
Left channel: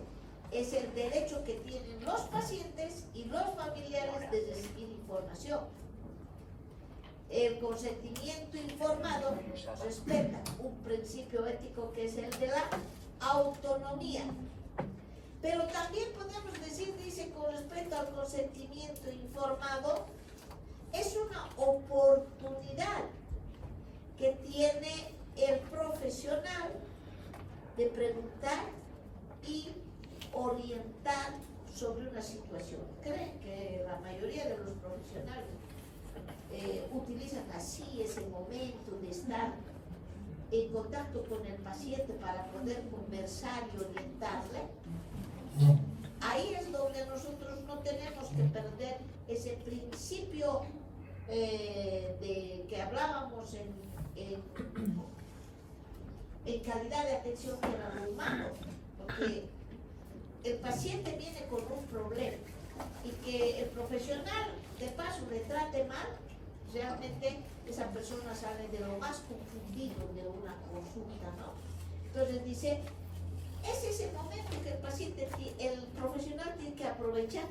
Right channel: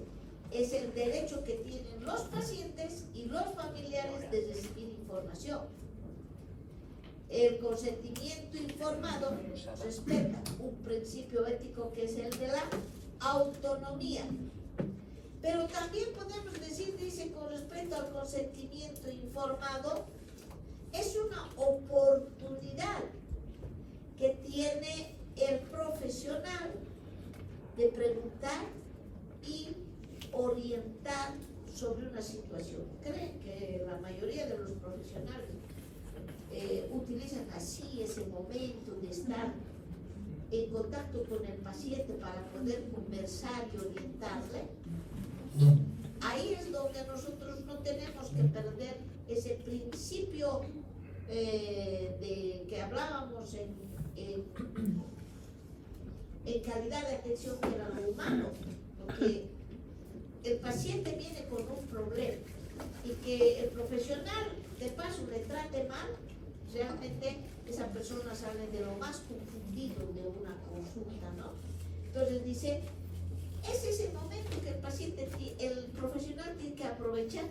es el derecho que tienen los pacientes y los familiares de recibir información. El consentimiento informado respeta un principio ético que es el de la autonomía. Pero también podemos decir, dice, con respecto al consentimiento informado, es una oportunidad que tiene el profesional de preguntar y orientar sobre una situación. Creen que la mayoría de los profesionales utilizan así ese momento de estar en contacto con el paciente para poder conversar y orientarle. Ahí es donde nosotros no tenemos que perder ese principio de que hablábamos en calidad de atención que era lo humano, porque el paciente viene con un problema y que el profesional de paso le trate mal, realmente esa persona sale de lo más confundido de una consulta, ¿no? Entonces dice, es ese momento que el profesional tiene que aprovechar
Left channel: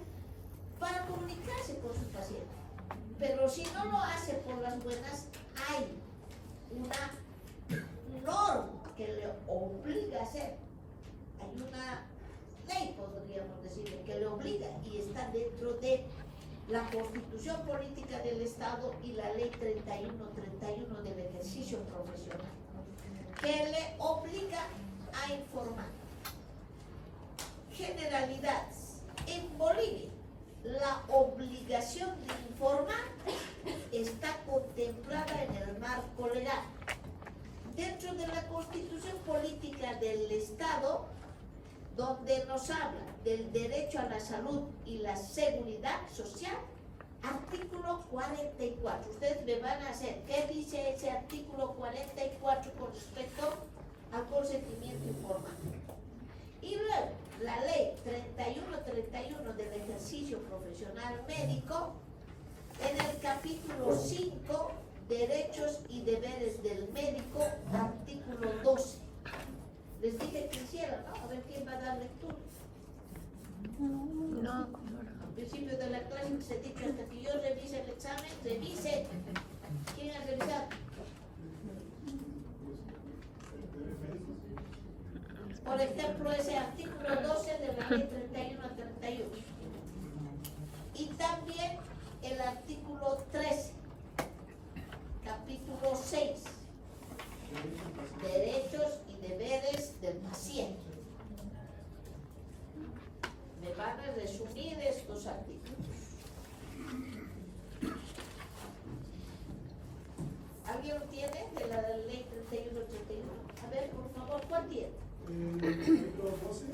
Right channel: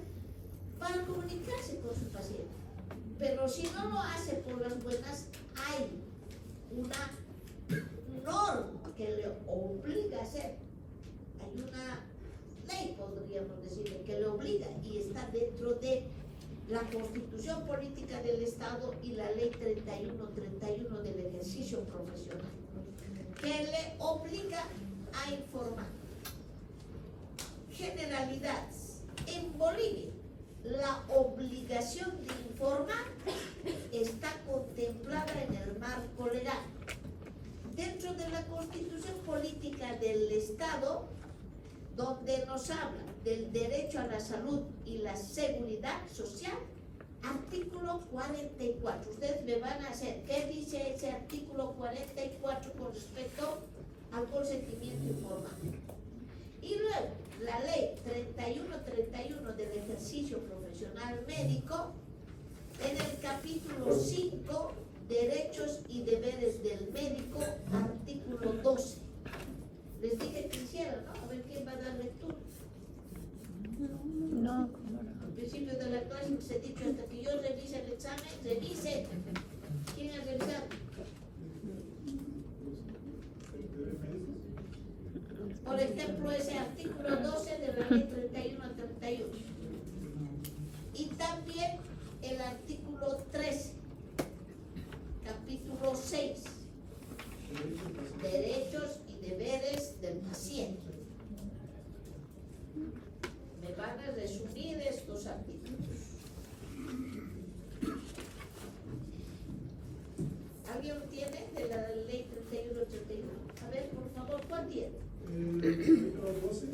para comunicarse con su paciente. Pero si no lo hace por las buenas, hay una norma que le obliga a hacer. Hay una ley, podríamos decirle, que le obliga, y está dentro de la Constitución Política del Estado y la Ley 3131 del ejercicio profesional, que le obliga a informar. Generalidades. En Bolivia, Constitución Política del Estado, donde nos habla del derecho a la salud y la seguridad social, artículo 44. Ustedes me van a hacer, ¿qué dice ese artículo 44 con respecto al consentimiento informado? Y luego, la ley 3131 del ejercicio profesional médico, en el capítulo 5, derechos y deberes del médico, artículo 12. Les dije que hicieran, ¿no? A ver quién va a dar lectura. No. Al principio de la clase les he dicho, hasta que yo revise el examen, revise. ¿Quién ha revisado? Por ejemplo, ese artículo 12 de la ley 31 a 31. Y también el artículo 13, capítulo 6, derechos y deberes del paciente. Me van a resumir estos artículos. ¿Alguien lo tiene de la ley 31-31? A ver, por favor, ¿cuál tiene? Artículo 12 y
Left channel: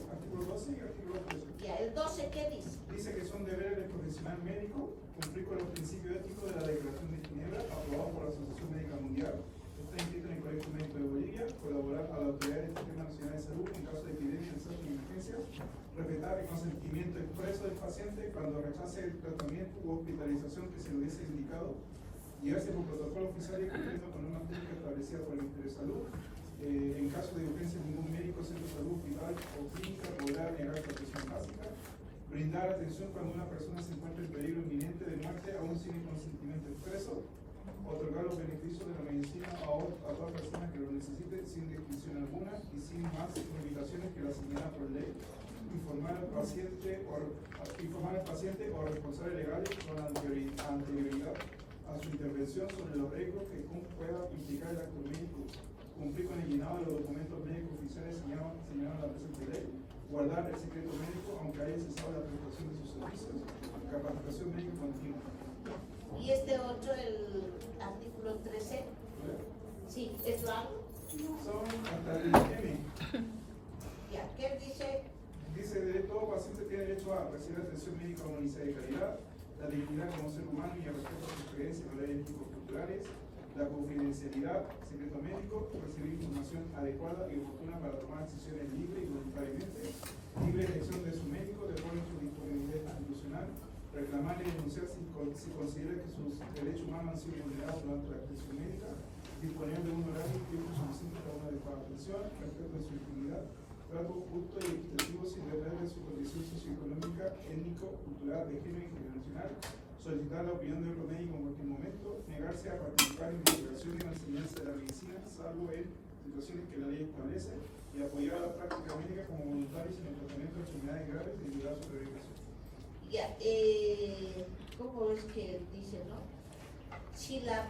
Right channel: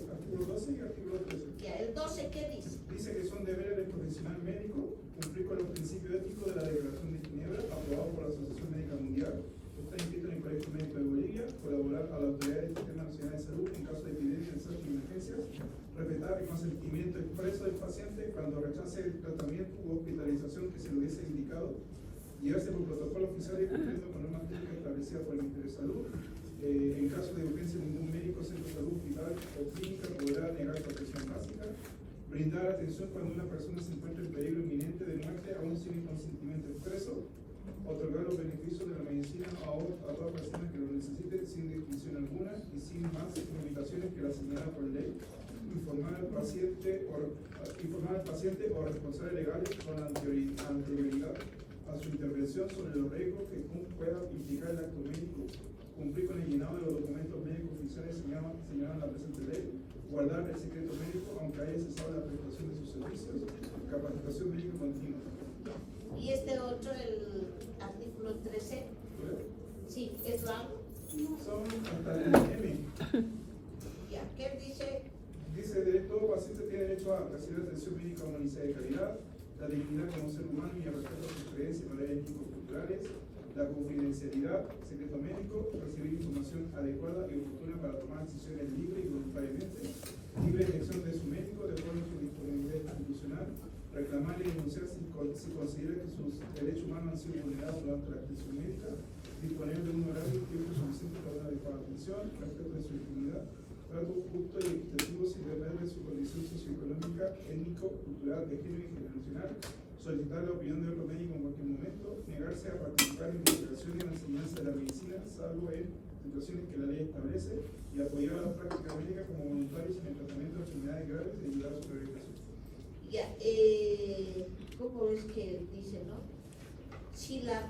artículo 13. Ya, el 12, ¿qué dice? Dice que son deberes del profesional médico cumplir con los principios éticos de la Declaración de Ginebra, aprobado por la Asociación Médica Mundial. Está inscrito en el Colegio Médico de Bolivia, colaborar a la Autoridad del Sistema Nacional de Salud en caso de epidemias, desastres y emergencias, respetar el consentimiento expreso del paciente cuando rechace el tratamiento u hospitalización que se le hubiese indicado, guiarse por protocolo oficial y cumpliendo con normas públicas establecidas por el Ministerio de Salud. En caso de urgencia, ningún médico, centro de salud, hospital o clínica podrá negar protección básica. Brindar atención cuando una persona se encuentra en peligro inminente de muerte, aún sin el consentimiento expreso. Otorgar los beneficios de la medicina a todas personas que lo necesiten sin distinción alguna y sin más limitaciones que las señaladas por ley. Informar al paciente o responsables legales con anterioridad a su intervención sobre los riesgos que pueda implicar el acto médico. Cumplir con el llenado de los documentos médicos oficiales señalados en la presente ley, guardar el secreto médico aunque haya cesado la prestación de sus servicios, capacitación médica continua. Y este otro, el artículo 13, sí, ¿es largo? Son hasta el M. Ya, ¿qué dice? Dice que todo paciente tiene derecho a recibir atención médica humanizada y de calidad, la dignidad como ser humano y el respeto a sus creencias y valores ético-culturales, la confidencialidad, secreto médico, recibir información adecuada y oportuna para tomar decisiones libres y voluntariamente, libre elección de su médico de acuerdo a su disponibilidad institucional, reclamar y denunciar si considera que sus derechos humanos han sido vulnerados durante la atención médica, disponer de un horario y tiempo suficiente para una adecuada atención, respeto de su intimidad, trato justo y equitativo sin depender de su condición socioeconómica, étnico, cultural, de género y generacional, solicitar la opinión de otro médico en cualquier momento, negarse a participar en investigación y en la enseñanza de la medicina, salvo en situaciones que la ley establece, y apoyar a la práctica médica como voluntarios en el tratamiento de enfermedades graves y ayudar a su erradicación. Ya, ¿cómo es que dice, no? Si las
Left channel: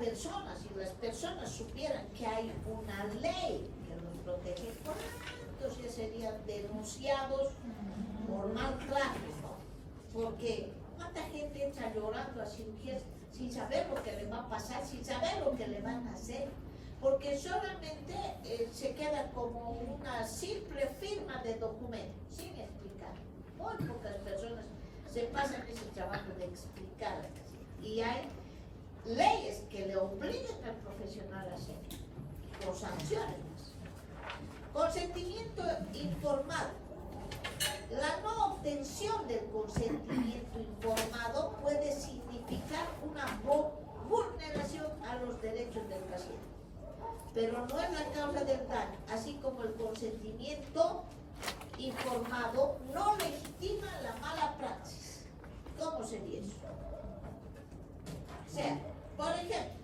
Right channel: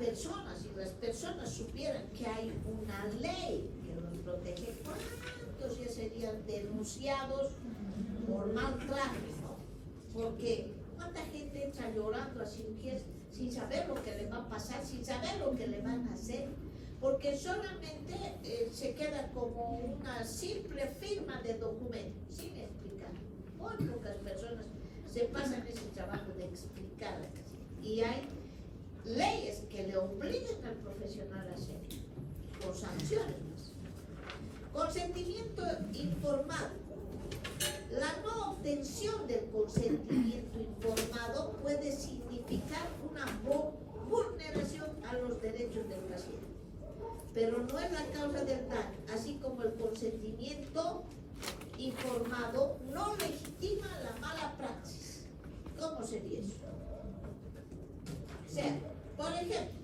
personas supieran que hay una ley que los protege, ¿cuántos ya serían denunciados por maltrato, no? Porque ¿cuánta gente entra llorando así sin saber lo que le va a pasar, sin saber lo que le van a hacer? Porque solamente se queda como una simple firma de documento, sin explicar. Muy pocas personas se pasan ese trabajo de explicar. Y hay leyes que le obligan al profesional a hacerlo, con sanciones. Consentimiento informado. La no obtención del consentimiento informado puede significar una vulneración a los derechos del paciente, pero no es la causa del daño, así como el consentimiento informado no legitima la mala praxis. ¿Cómo sería eso? O sea, por ejemplo,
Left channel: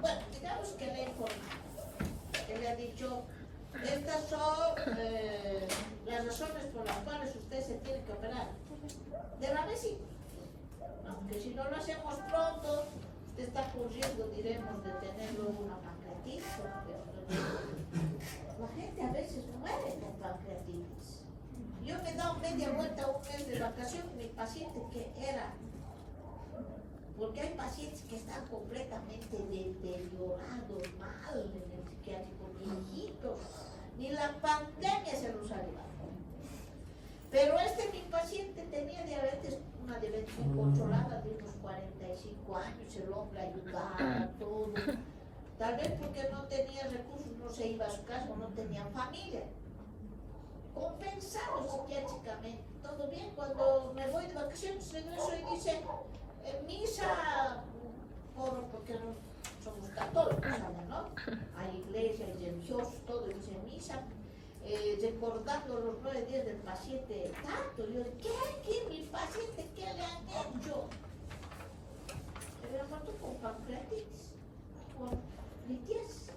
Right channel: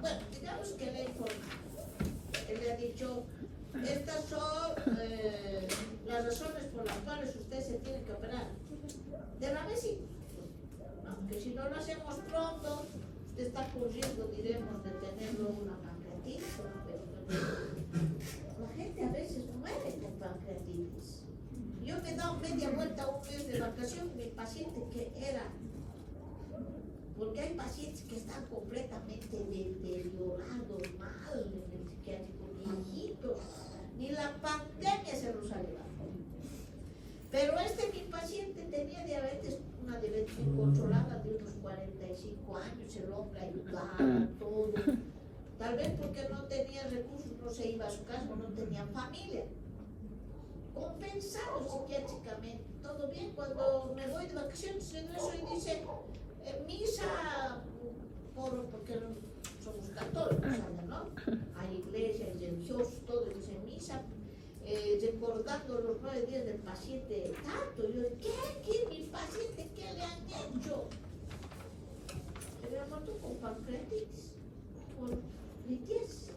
bueno, digamos que le ha informado, él le ha dicho, estas son las razones por las cuales usted se tiene que operar de la vesícula, ¿no? Que si no lo hacemos pronto, usted está corriendo, diremos, de tenerlo una pancreatitis. La gente a veces muere con pancreatitis. Yo me he dado media vuelta un mes de vacación con mi paciente que era, porque hay pacientes que están completamente deteriorados, mal en el psiquiátrico. ni la pandemia se nos ha llevado. Pero mi paciente tenía diabetes, una diabetes incontrolada de unos 45 años, el hombre ayudaba, todo. Tal vez porque no tenía recursos, no se iba a su casa, no tenía familia. Compensado psiquiátricamente, todo bien. Cuando me voy de vacaciones, regreso y dice, misa, porque somos católicos, ¿saben, no? Hay iglesia, hay religiosos, todo dice misa, recordando los 9 días del paciente tanto. Yo, ¿qué? ¿Mi paciente qué le han hecho? Le había muerto con pancreatitis, por litiasis,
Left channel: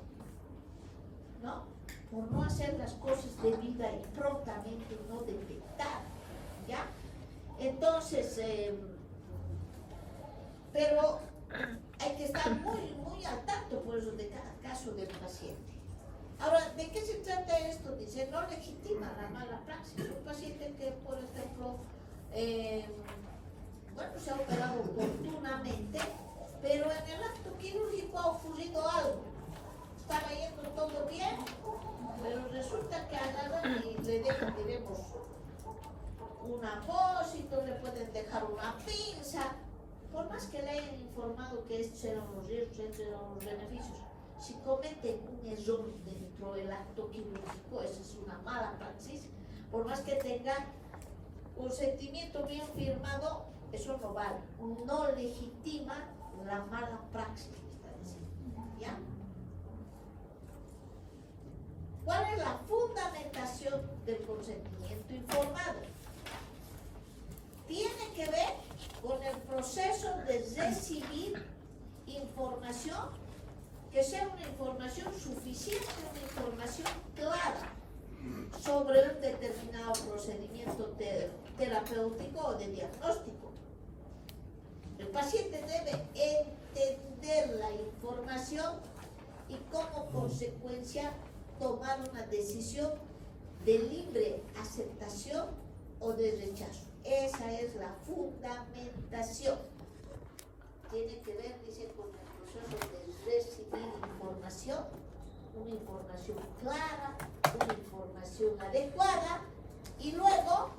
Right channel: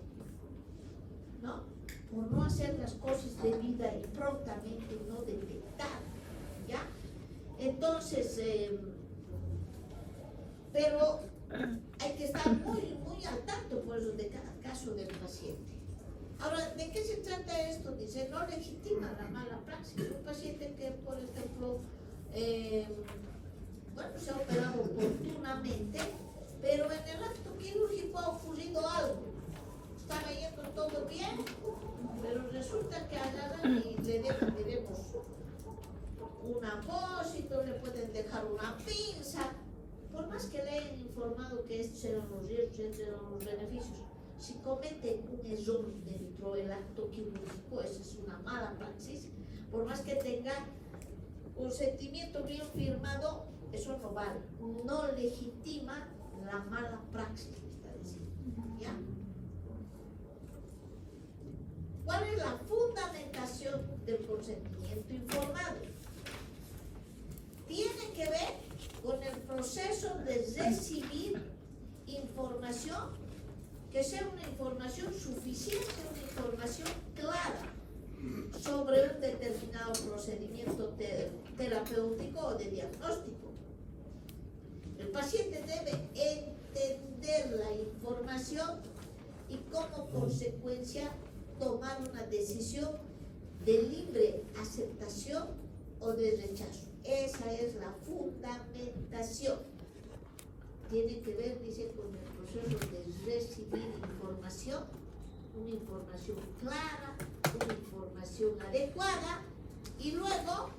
¿no? Por no hacer las cosas debida y prontamente, no detectar, ¿ya? Entonces, pero hay que estar muy al tanto por eso de cada caso del paciente. Ahora, ¿de qué se trata esto? Dice, no legitima la mala praxis. Un paciente que, por ejemplo, se ha operado oportunamente, pero en el acto quirúrgico ha ocurrido algo. Estaba yendo todo bien, pero resulta que agarran y le dejan, digamos, un apósito, le pueden dejar una pinza. Por más que le hayan informado que estos eran los riesgos, estos eran los beneficios, si cometen un error dentro del acto quirúrgico, esa es una mala praxis. Por más que tenga consentimiento bien firmado, eso no vale, no legitima la mala praxis, está diciendo, ¿ya? ¿Cuál es la fundamentación del consentimiento informado? Tiene que ver con el proceso de recibir información, que sea una información suficiente, una información clara sobre un determinado procedimiento terapéutico o de diagnóstico. El paciente debe entender la información y como consecuencia tomar una decisión de libre aceptación o de rechazo. Esa es la fundamentación. Tiene que ver, dice, con el proceso de recibir información, una información clara, una información adecuada, y luego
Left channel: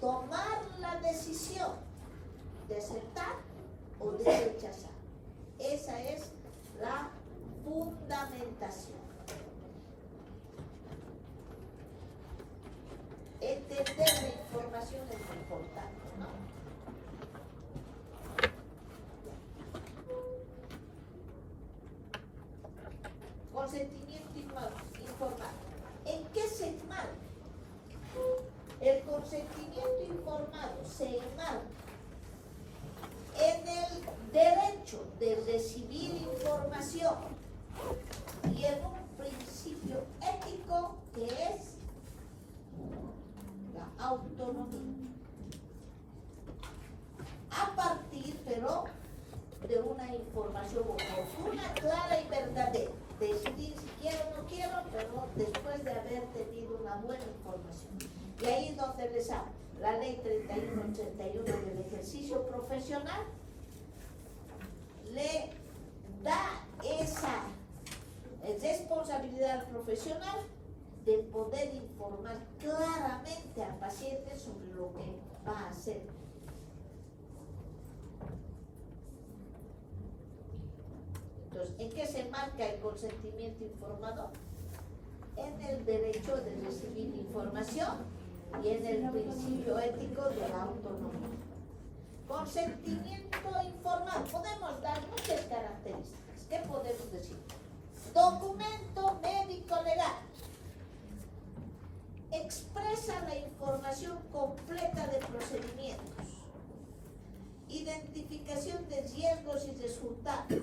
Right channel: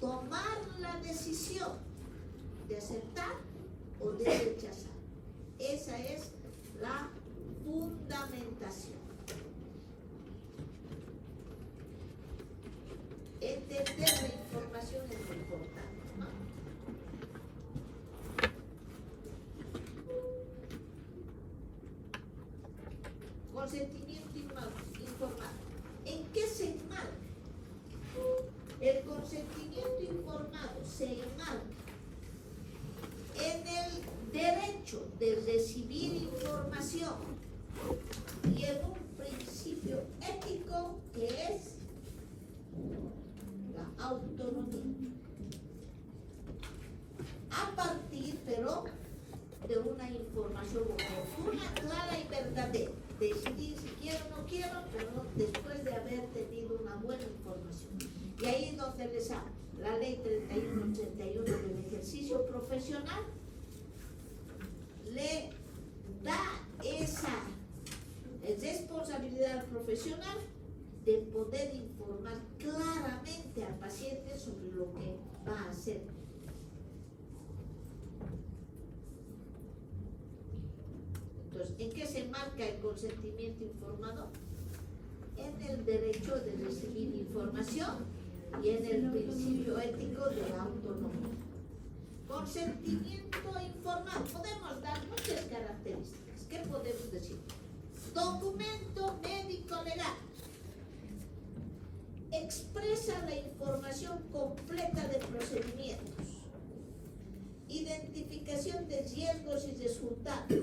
tomar la decisión de aceptar o de rechazar. Esa es la fundamentación. Entender la información es muy importante, ¿no? Consentimiento informado. ¿En qué se enmarca? El consentimiento informado se enmarca en el derecho de recibir información y en un principio ético que es la autonomía. A partir, pero, de una información oportuna, clara y verdadera. Decidir si quiero o no quiero, pero después de haber tenido una buena información. Y ahí es donde les hablo. La ley 3131 del ejercicio profesional le da esa responsabilidad al profesional de poder informar claramente al paciente sobre lo que va a hacer. Entonces, ¿en qué se marca el consentimiento informado? En el derecho de recibir información y en el principio ético de la autonomía. Consentimiento informado. Podemos dar muchas características. ¿Qué podemos decir? Documento médico legal. Expresa la información completa de procedimientos. Identificación de riesgos y resultados.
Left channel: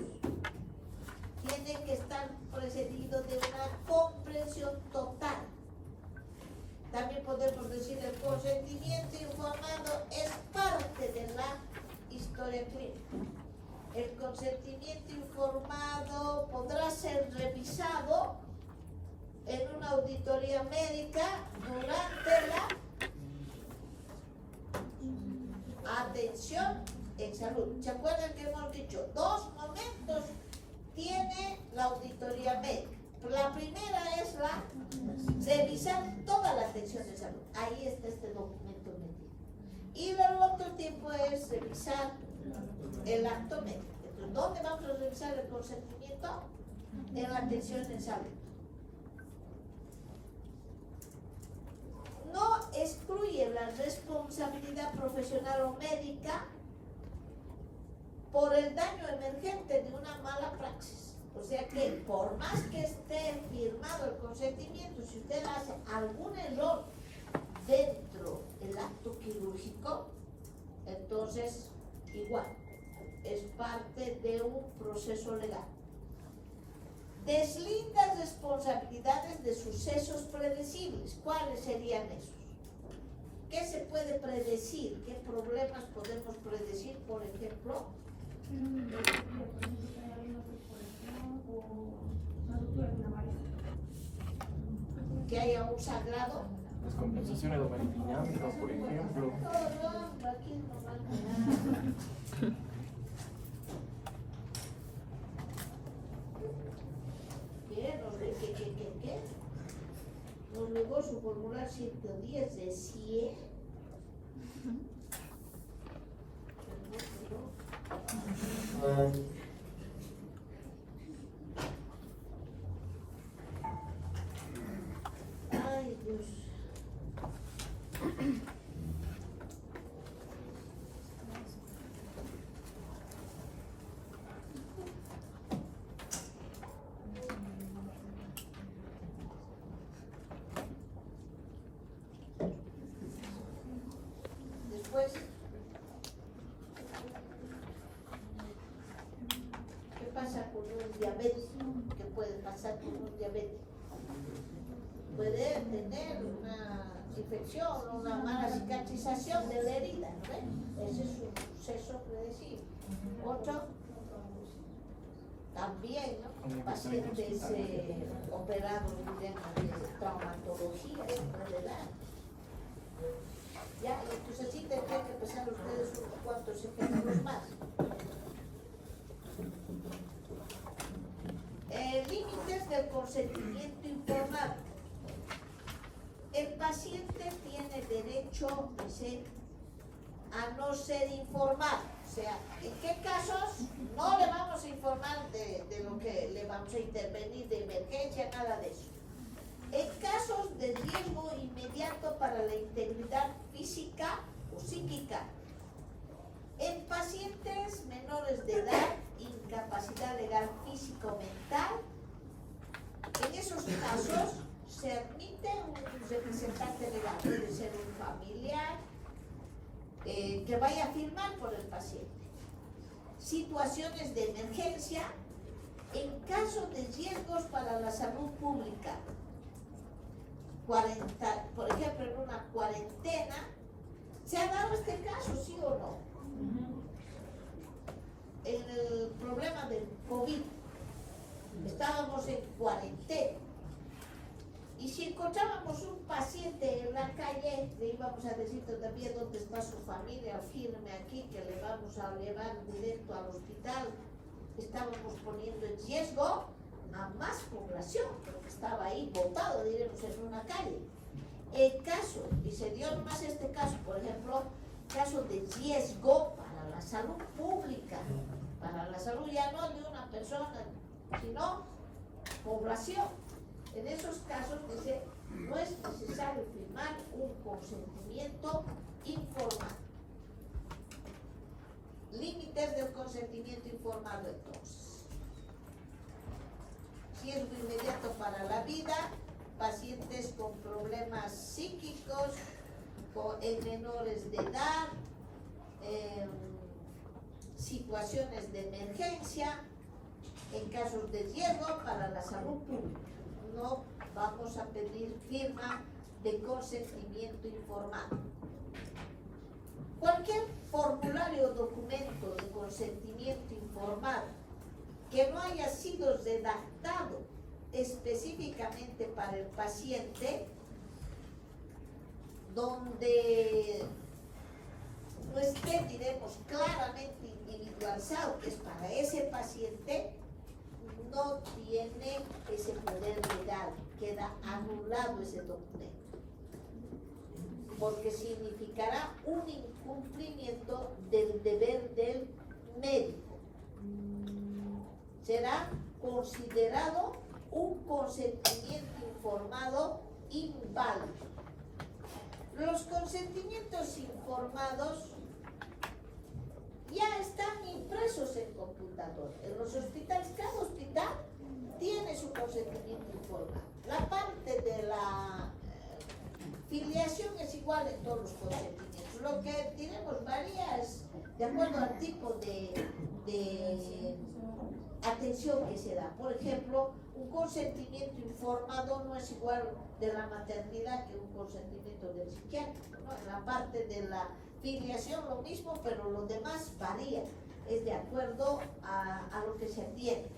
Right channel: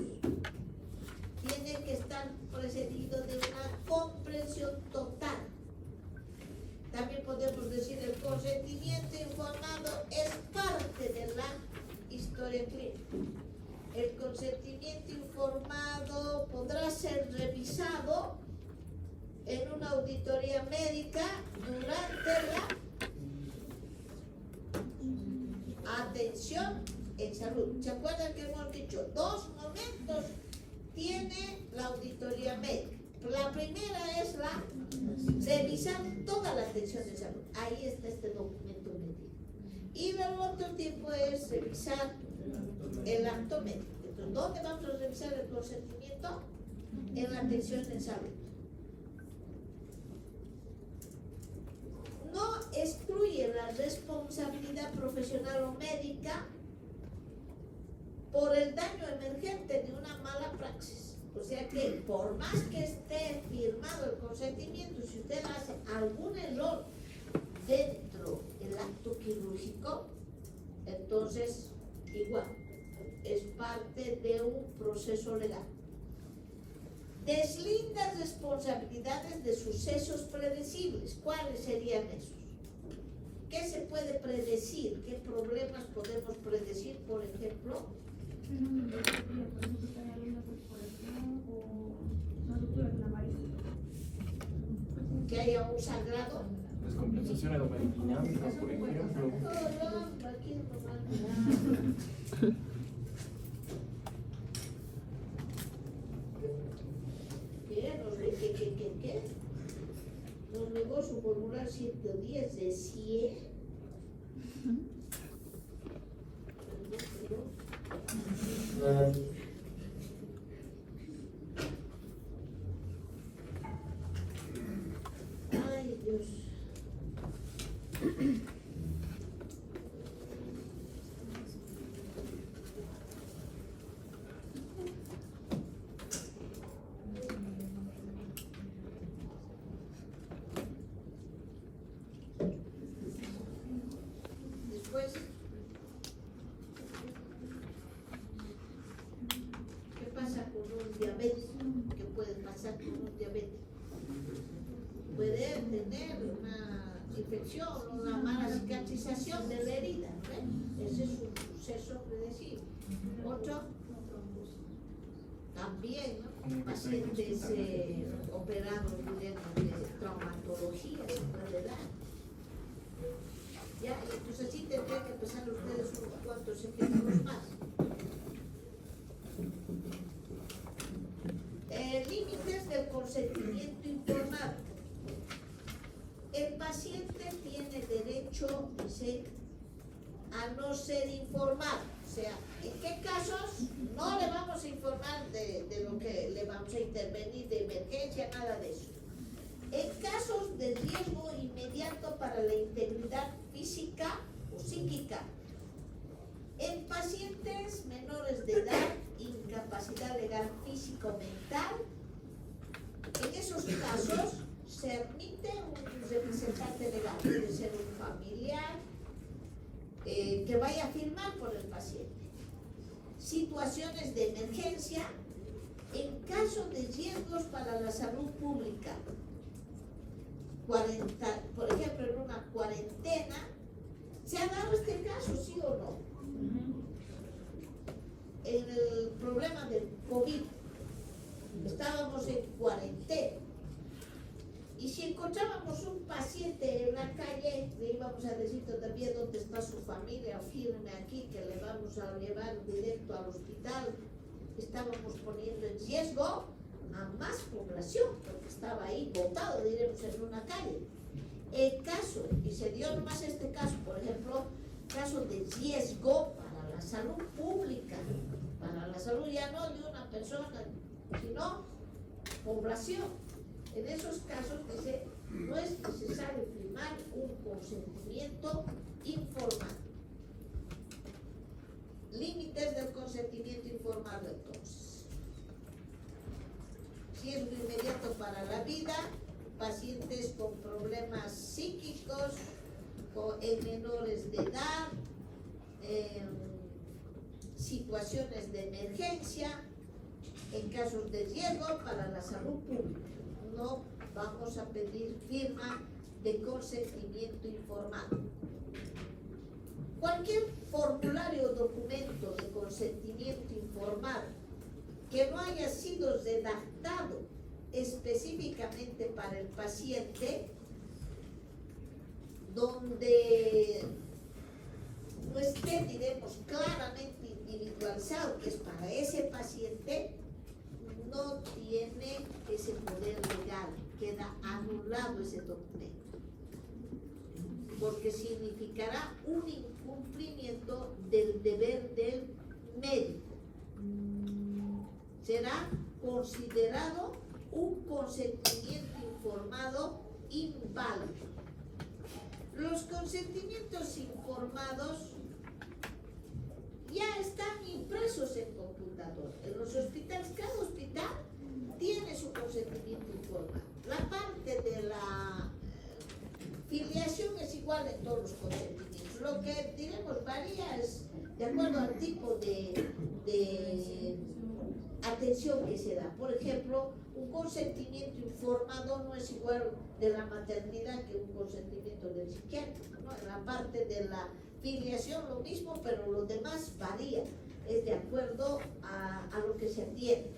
Tiene que estar precedido de una comprensión total. También podemos decir el consentimiento informado es parte de la historia clínica. El consentimiento informado podrá ser revisado en una auditoría médica durante la atención en salud. ¿Se acuerdan que hemos dicho? 2 momentos tiene la auditoría médica. La primera es revisar toda la atención de salud. Ahí está este documento metido. Y el otro tiempo es revisar el acto médico. Entonces, ¿dónde vamos a revisar el consentimiento? En la atención de salud. No excluye la responsabilidad profesional o médica por el daño emergente de una mala praxis. O sea que por más que esté firmado el consentimiento, si usted hace algún error dentro del acto quirúrgico, entonces igual es parte de un proceso legal. Deslinda responsabilidades de sucesos predecibles. ¿Cuáles serían esos? ¿Qué se puede predecir? ¿Qué problemas podemos predecir, por ejemplo? Que haya un sangrado. Las compensaciones hemodinámicas, por ejemplo. Todo, aquí nomás me da. ¿Qué? Nos negó su formular 110 de 100. Ay, Dios. Después, ¿qué pasa con un diabético? ¿Qué puede pasar con un diabético? Puede tener una infección, una mala cicatrización de la herida, ¿no ven? Ese es un suceso predecible. Otro, también, ¿no? Pacientes operados, digamos, de traumatología, se puede dar. Ya, entonces sí tendrían que empezar ustedes unos cuantos ejemplos más. Límites del consentimiento informado. El paciente tiene derecho, dice, a no ser informado. O sea, ¿en qué casos no le vamos a informar de lo que le vamos a intervenir, de emergencia, nada de eso? En casos de riesgo inmediato para la integridad física o psíquica, en pacientes menores de edad, incapacidad legal físico-mental, en esos casos se admite un representante legal, puede ser un familiar que vaya a firmar por el paciente. Situaciones de emergencia, en caso de riesgos para la salud pública. Por ejemplo, en una cuarentena, ¿se ha dado este caso, sí o no? El problema del COVID, estábamos en cuarentena, y si encontrábamos un paciente en la calle, le íbamos a decir todavía dónde está su familia, firme aquí, que le vamos a llevar directo al hospital. Estábamos poniendo en riesgo a más población, porque estaba ahí botado, diremos, en una calle. El caso, y se dio nomás este caso, por ejemplo, caso de riesgo para la salud pública, para la salud ya no de una persona, sino población. En esos casos, dice, no es necesario firmar un consentimiento informado. Límites del consentimiento informado, entonces. Riesgo inmediato para la vida, pacientes con problemas psíquicos, en menores de edad, situaciones de emergencia, en casos de riesgo para la salud pública. No vamos a pedir firma de consentimiento informado. Cualquier formulario o documento de consentimiento informado que no haya sido redactado específicamente para el paciente, donde no esté, diremos, claramente individualizado que es para ese paciente, no tiene ese poder legal, queda anulado ese documento, porque significará un incumplimiento del deber del médico. Será considerado un consentimiento informado inválido. Los consentimientos informados ya están impresos en computador. En los hospitales, cada hospital tiene su consentimiento informado. La parte de la filiación es igual en todos los consentimientos. Lo que diremos varía es de acuerdo al tipo de atención que se da. Por ejemplo, un consentimiento informado no es igual de la maternidad que un consentimiento del psiquiátrico, ¿no? En la parte de la filiación lo mismo, pero lo demás varía, es de acuerdo a lo que se atiende.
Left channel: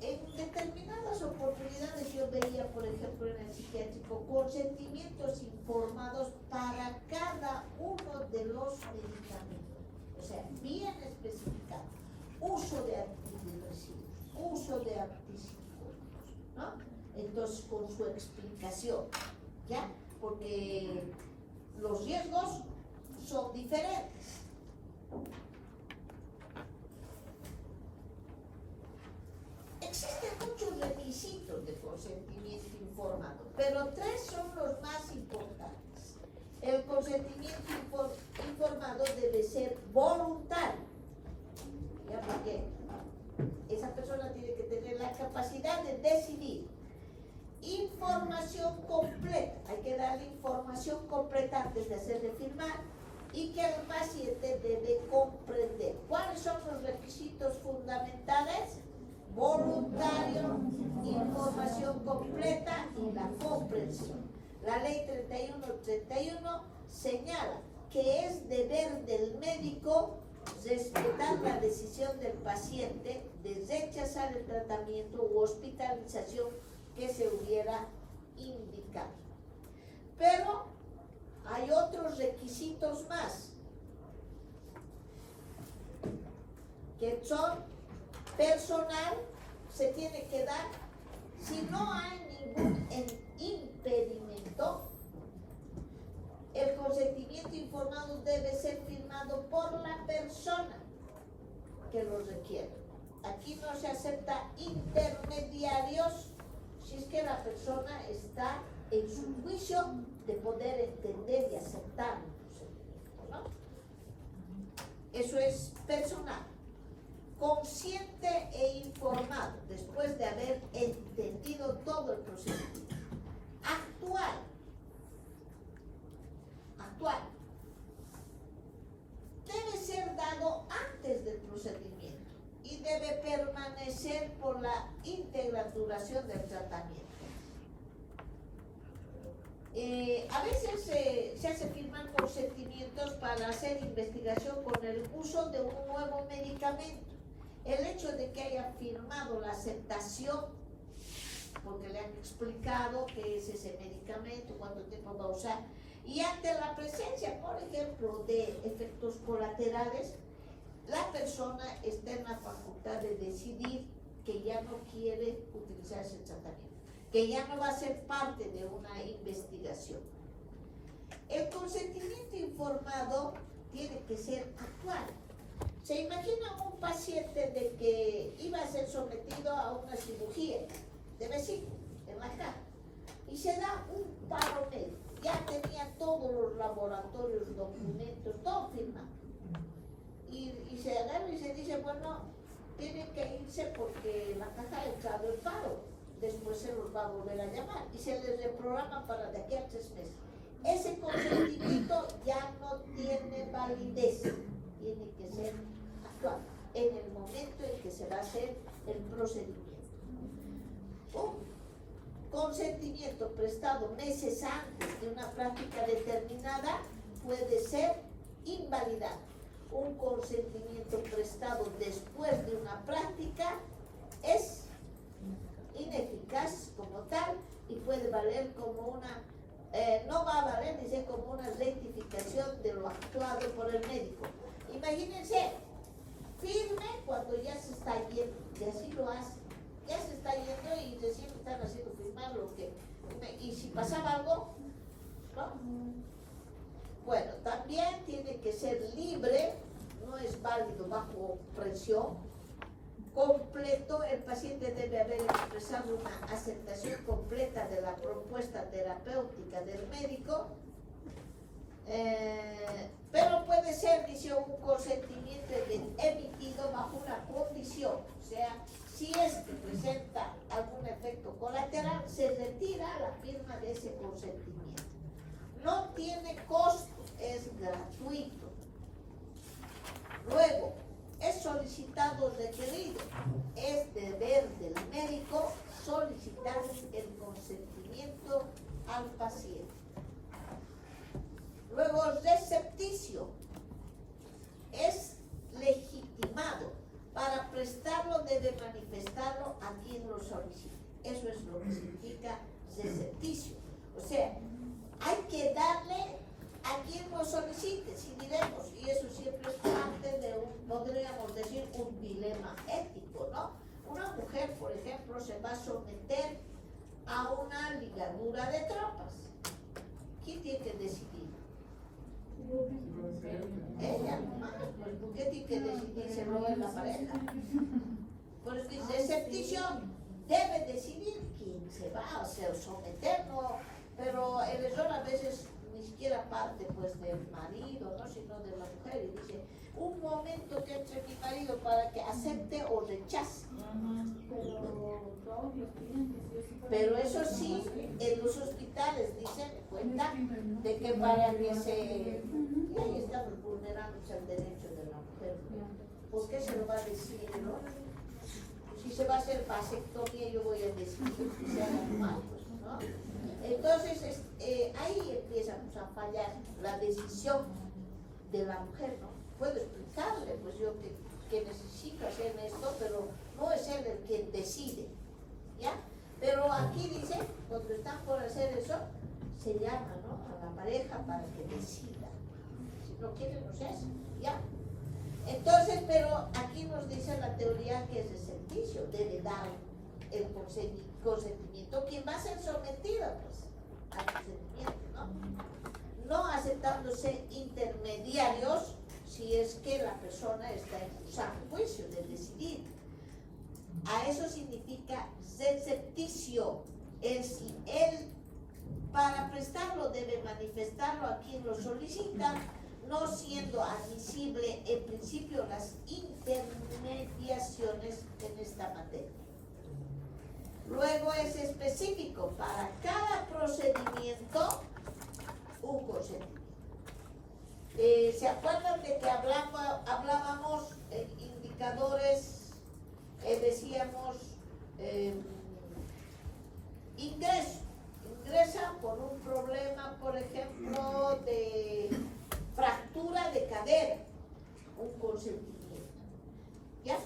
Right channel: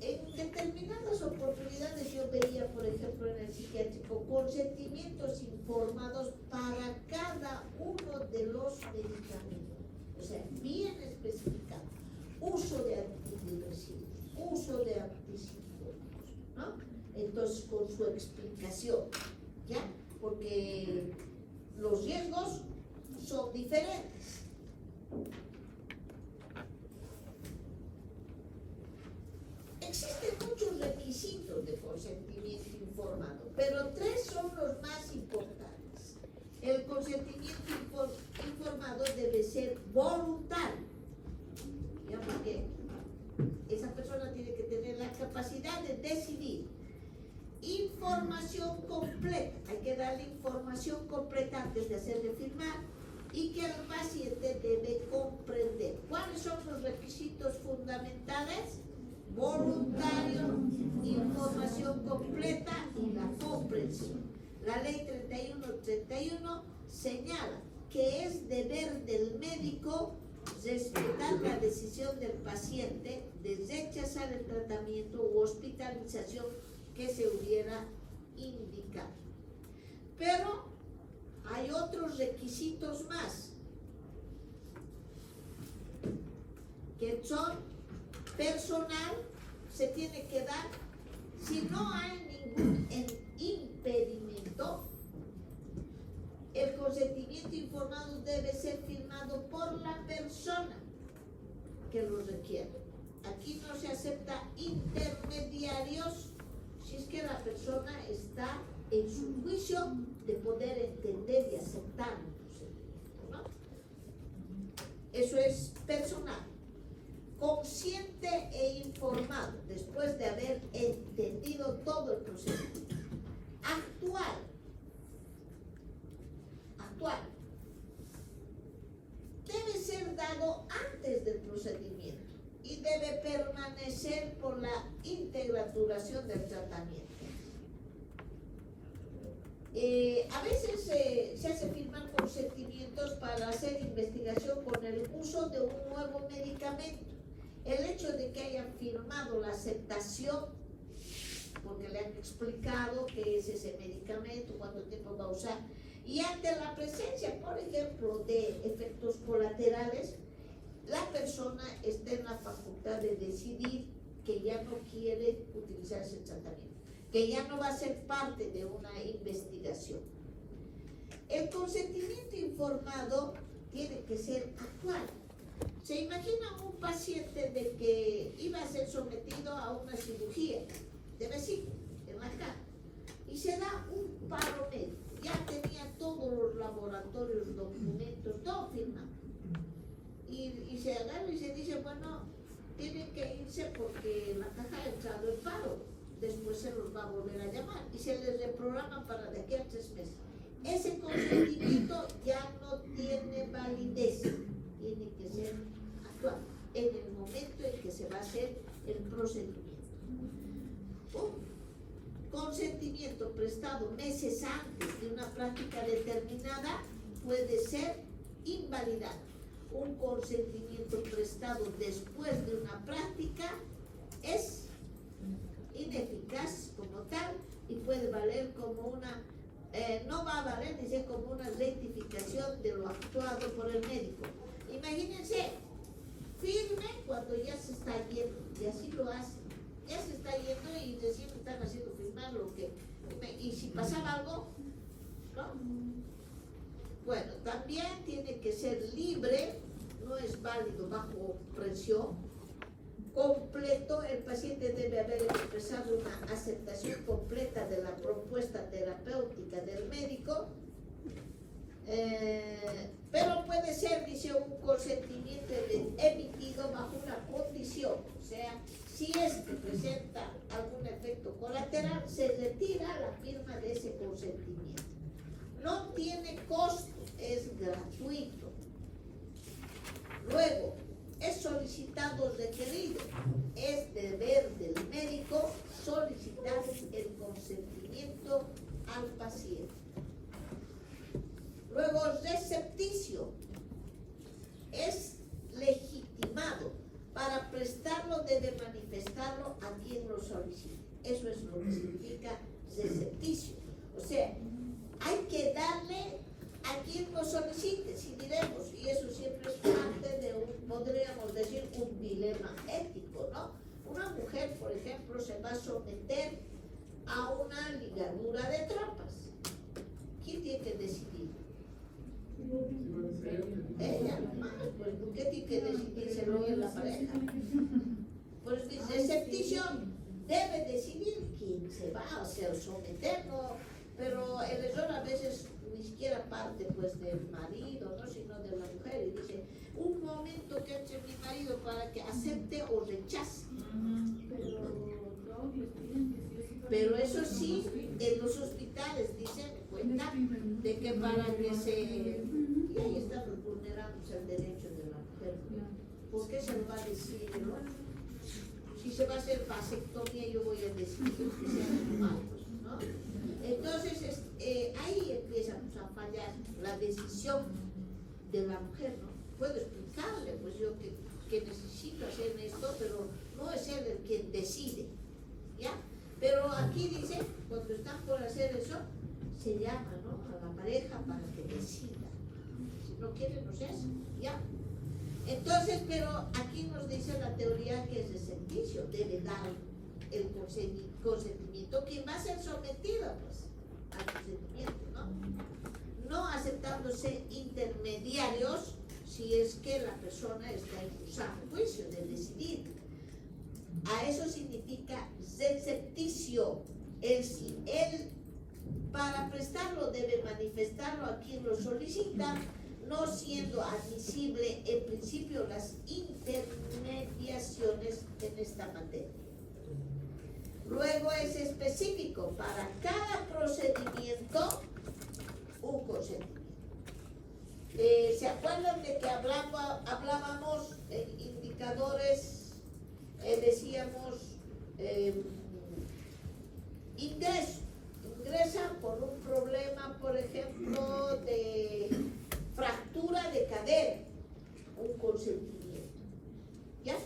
En determinadas oportunidades yo veía, por ejemplo, en el psiquiátrico, consentimientos informados para cada uno de los medicamentos, o sea, bien especificado. Uso de antidepresivos, uso de antipsicóticos, ¿no? Entonces, con su explicación, ¿ya? Porque los riesgos son diferentes. Existen muchos requisitos de consentimiento informado, pero tres son los más importantes. El consentimiento informado debe ser voluntario, ¿ya? Porque esa persona tiene que tener la capacidad de decidir. Información completa, hay que darle información completa antes de hacerle firmar, y que el paciente debe comprender. ¿Cuáles son los requisitos fundamentales? Voluntario, información completa y la comprensión. La ley 3131 señala que es deber del médico respetar la decisión del paciente de rechazar el tratamiento u hospitalización que se hubiera indicado. Pero hay otros requisitos más que son personal, se tiene que dar si no hay ningún impedimento. El consentimiento informado debe ser firmado por la persona que lo requiere. Aquí no se acepta intermediarios si es que la persona está en su juicio de poder entender y aceptar el procedimiento, ¿no? Eso es personal. Consciente e informado después de haber entendido todo el procedimiento. Actual. Debe ser dado antes del procedimiento y debe permanecer por la íntegra duración del tratamiento. A veces se hace firmar consentimientos para hacer investigación con el uso de un nuevo medicamento. El hecho de que hayan firmado la aceptación, porque le han explicado qué es ese medicamento, cuánto tiempo va a usar, y ante la presencia, por ejemplo, de efectos colaterales, la persona está en la facultad de decidir que ya no quiere utilizar ese tratamiento, que ya no va a ser parte de una investigación. El consentimiento informado tiene que ser actual. ¿Se imagina un paciente de que iba a ser sometido a una cirugía de vesícula en la cara y se da un paro médico? Ya tenía todos los laboratorios, documentos, todo firmado. Y se agarra y se dice, bueno, tienen que irse porque la caja ha entrado en paro. Después se los va a volver a llamar y se les reprograma para de aquí a 3 meses. Ese consentimiento ya no tiene validez, tiene que ser actual en el momento en que se va a hacer el procedimiento. Un consentimiento prestado meses antes de una práctica determinada puede ser invalidado. Un consentimiento prestado después de una práctica es ineficaz como tal y puede valer como una, no va a valer, dice, como una rectificación de lo actuado por el médico. Imagínense, firme cuando ya se está yendo, y así lo hace, ya se proporcionar lo que... Y si pasaba algo, ¿no? Bueno, también tiene que ser libre, no es válido bajo presión. Completo, el paciente debe haber expresado una aceptación completa de la propuesta terapéutica del médico. Pero puede ser, dice, un consentimiento emitido bajo una condición, o sea, si es que presenta algún efecto colateral, se retira la firma de ese consentimiento. No tiene costo, es gratuito. Luego, es solicitado o requerido, es deber del médico solicitar el consentimiento al paciente. Luego, recepticio es legitimado. Para prestarlo debe manifestarlo a quien lo solicite. Eso es lo que significa recepticio. O sea, hay que darle a quien lo solicite, si diremos, y eso siempre es parte de un, podríamos decir, un dilema ético, ¿no? Una mujer, por ejemplo, se va a someter a una ligadura de tropas. ¿Quién tiene que decidir? Ella, pues ¿por qué tiene que decidirselo en la pareja? Pues el recepticio debe decidir quién se va a hacer someter, ¿no? Pero el error a veces ni siquiera parte pues del marido, ¿no? Sino de la mujer, y dice, un momento que entre mi marido para que acepte o rechace. Pero eso sí, en los hospitales dicen, cuenta de que para que se... Y ahí estamos vulnerándose el derecho de la mujer. ¿Por qué se lo va a decir, no? Si se va a hacer vasectomía, yo voy a decir que sea normal, pues, ¿no? Entonces, ahí empiezamos a fallar la decisión de la mujer, ¿no? Puedo explicarle, pues yo que necesito hacer esto, pero no es él el quien decide, ¿ya? Pero aquí dice, cuando están por hacer eso, se llama, ¿no?, a la pareja para que decida. Si no quiere, no se hace, ¿ya? Entonces, pero aquí nos dice la teoría que es recepticio, debe dar el consentimiento. ¿Quién va a ser sometido, pues, al consentimiento, no? No aceptándose intermediarios si es que la persona está en un juicio de decidir. A eso significa recepticio. Él para prestarlo debe manifestarlo a quien lo solicita, no siendo admisible en principio las intermediaciones en esta materia. Luego es específico para cada procedimiento un consentimiento. ¿Se acuerdan de que hablábamos en indicadores, decíamos ingresa por un problema, por ejemplo, de fractura de cadera, un consentimiento, ¿ya?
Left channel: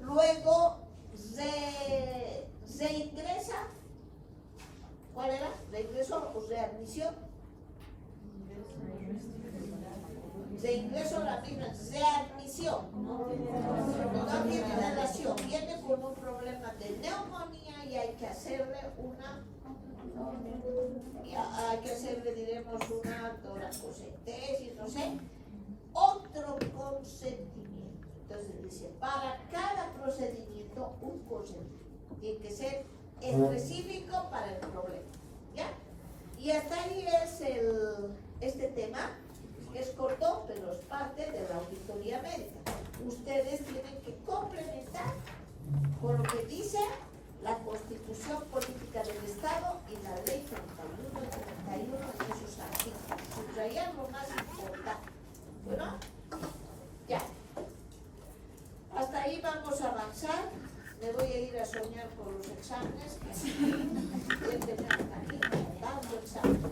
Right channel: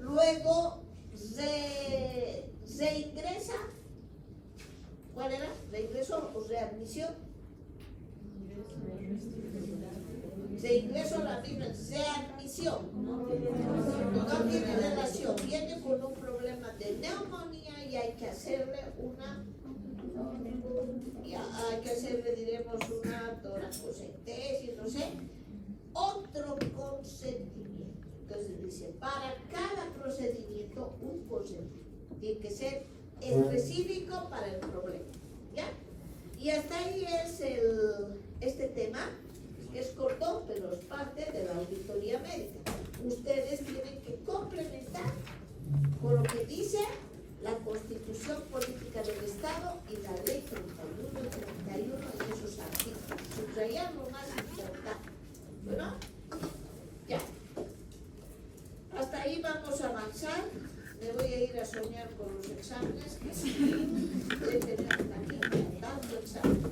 Luego se ingresa, ¿cuál era? ¿Reingreso o readmisión? Reingreso a la misma, readmisión, no tiene relación, viene con un problema de neumonía y hay que hacerle diremos una toracocentesis, no sé, otro consentimiento. Entonces dice, para cada procedimiento un consentimiento, tiene que ser específico para el problema, ¿ya? Y hasta ahí es este tema. Es corto, pero es parte de la auditoría médica. Ustedes tienen que complementar con lo que dice la Constitución Política del Estado y la Ley 31 y 31 en esos artículos. Subrayar lo más importante. ¿Bueno? Ya. Hasta ahí vamos a avanzar. Me voy a ir a soñar con los exámenes. Que tenemos aquí dando exámenes.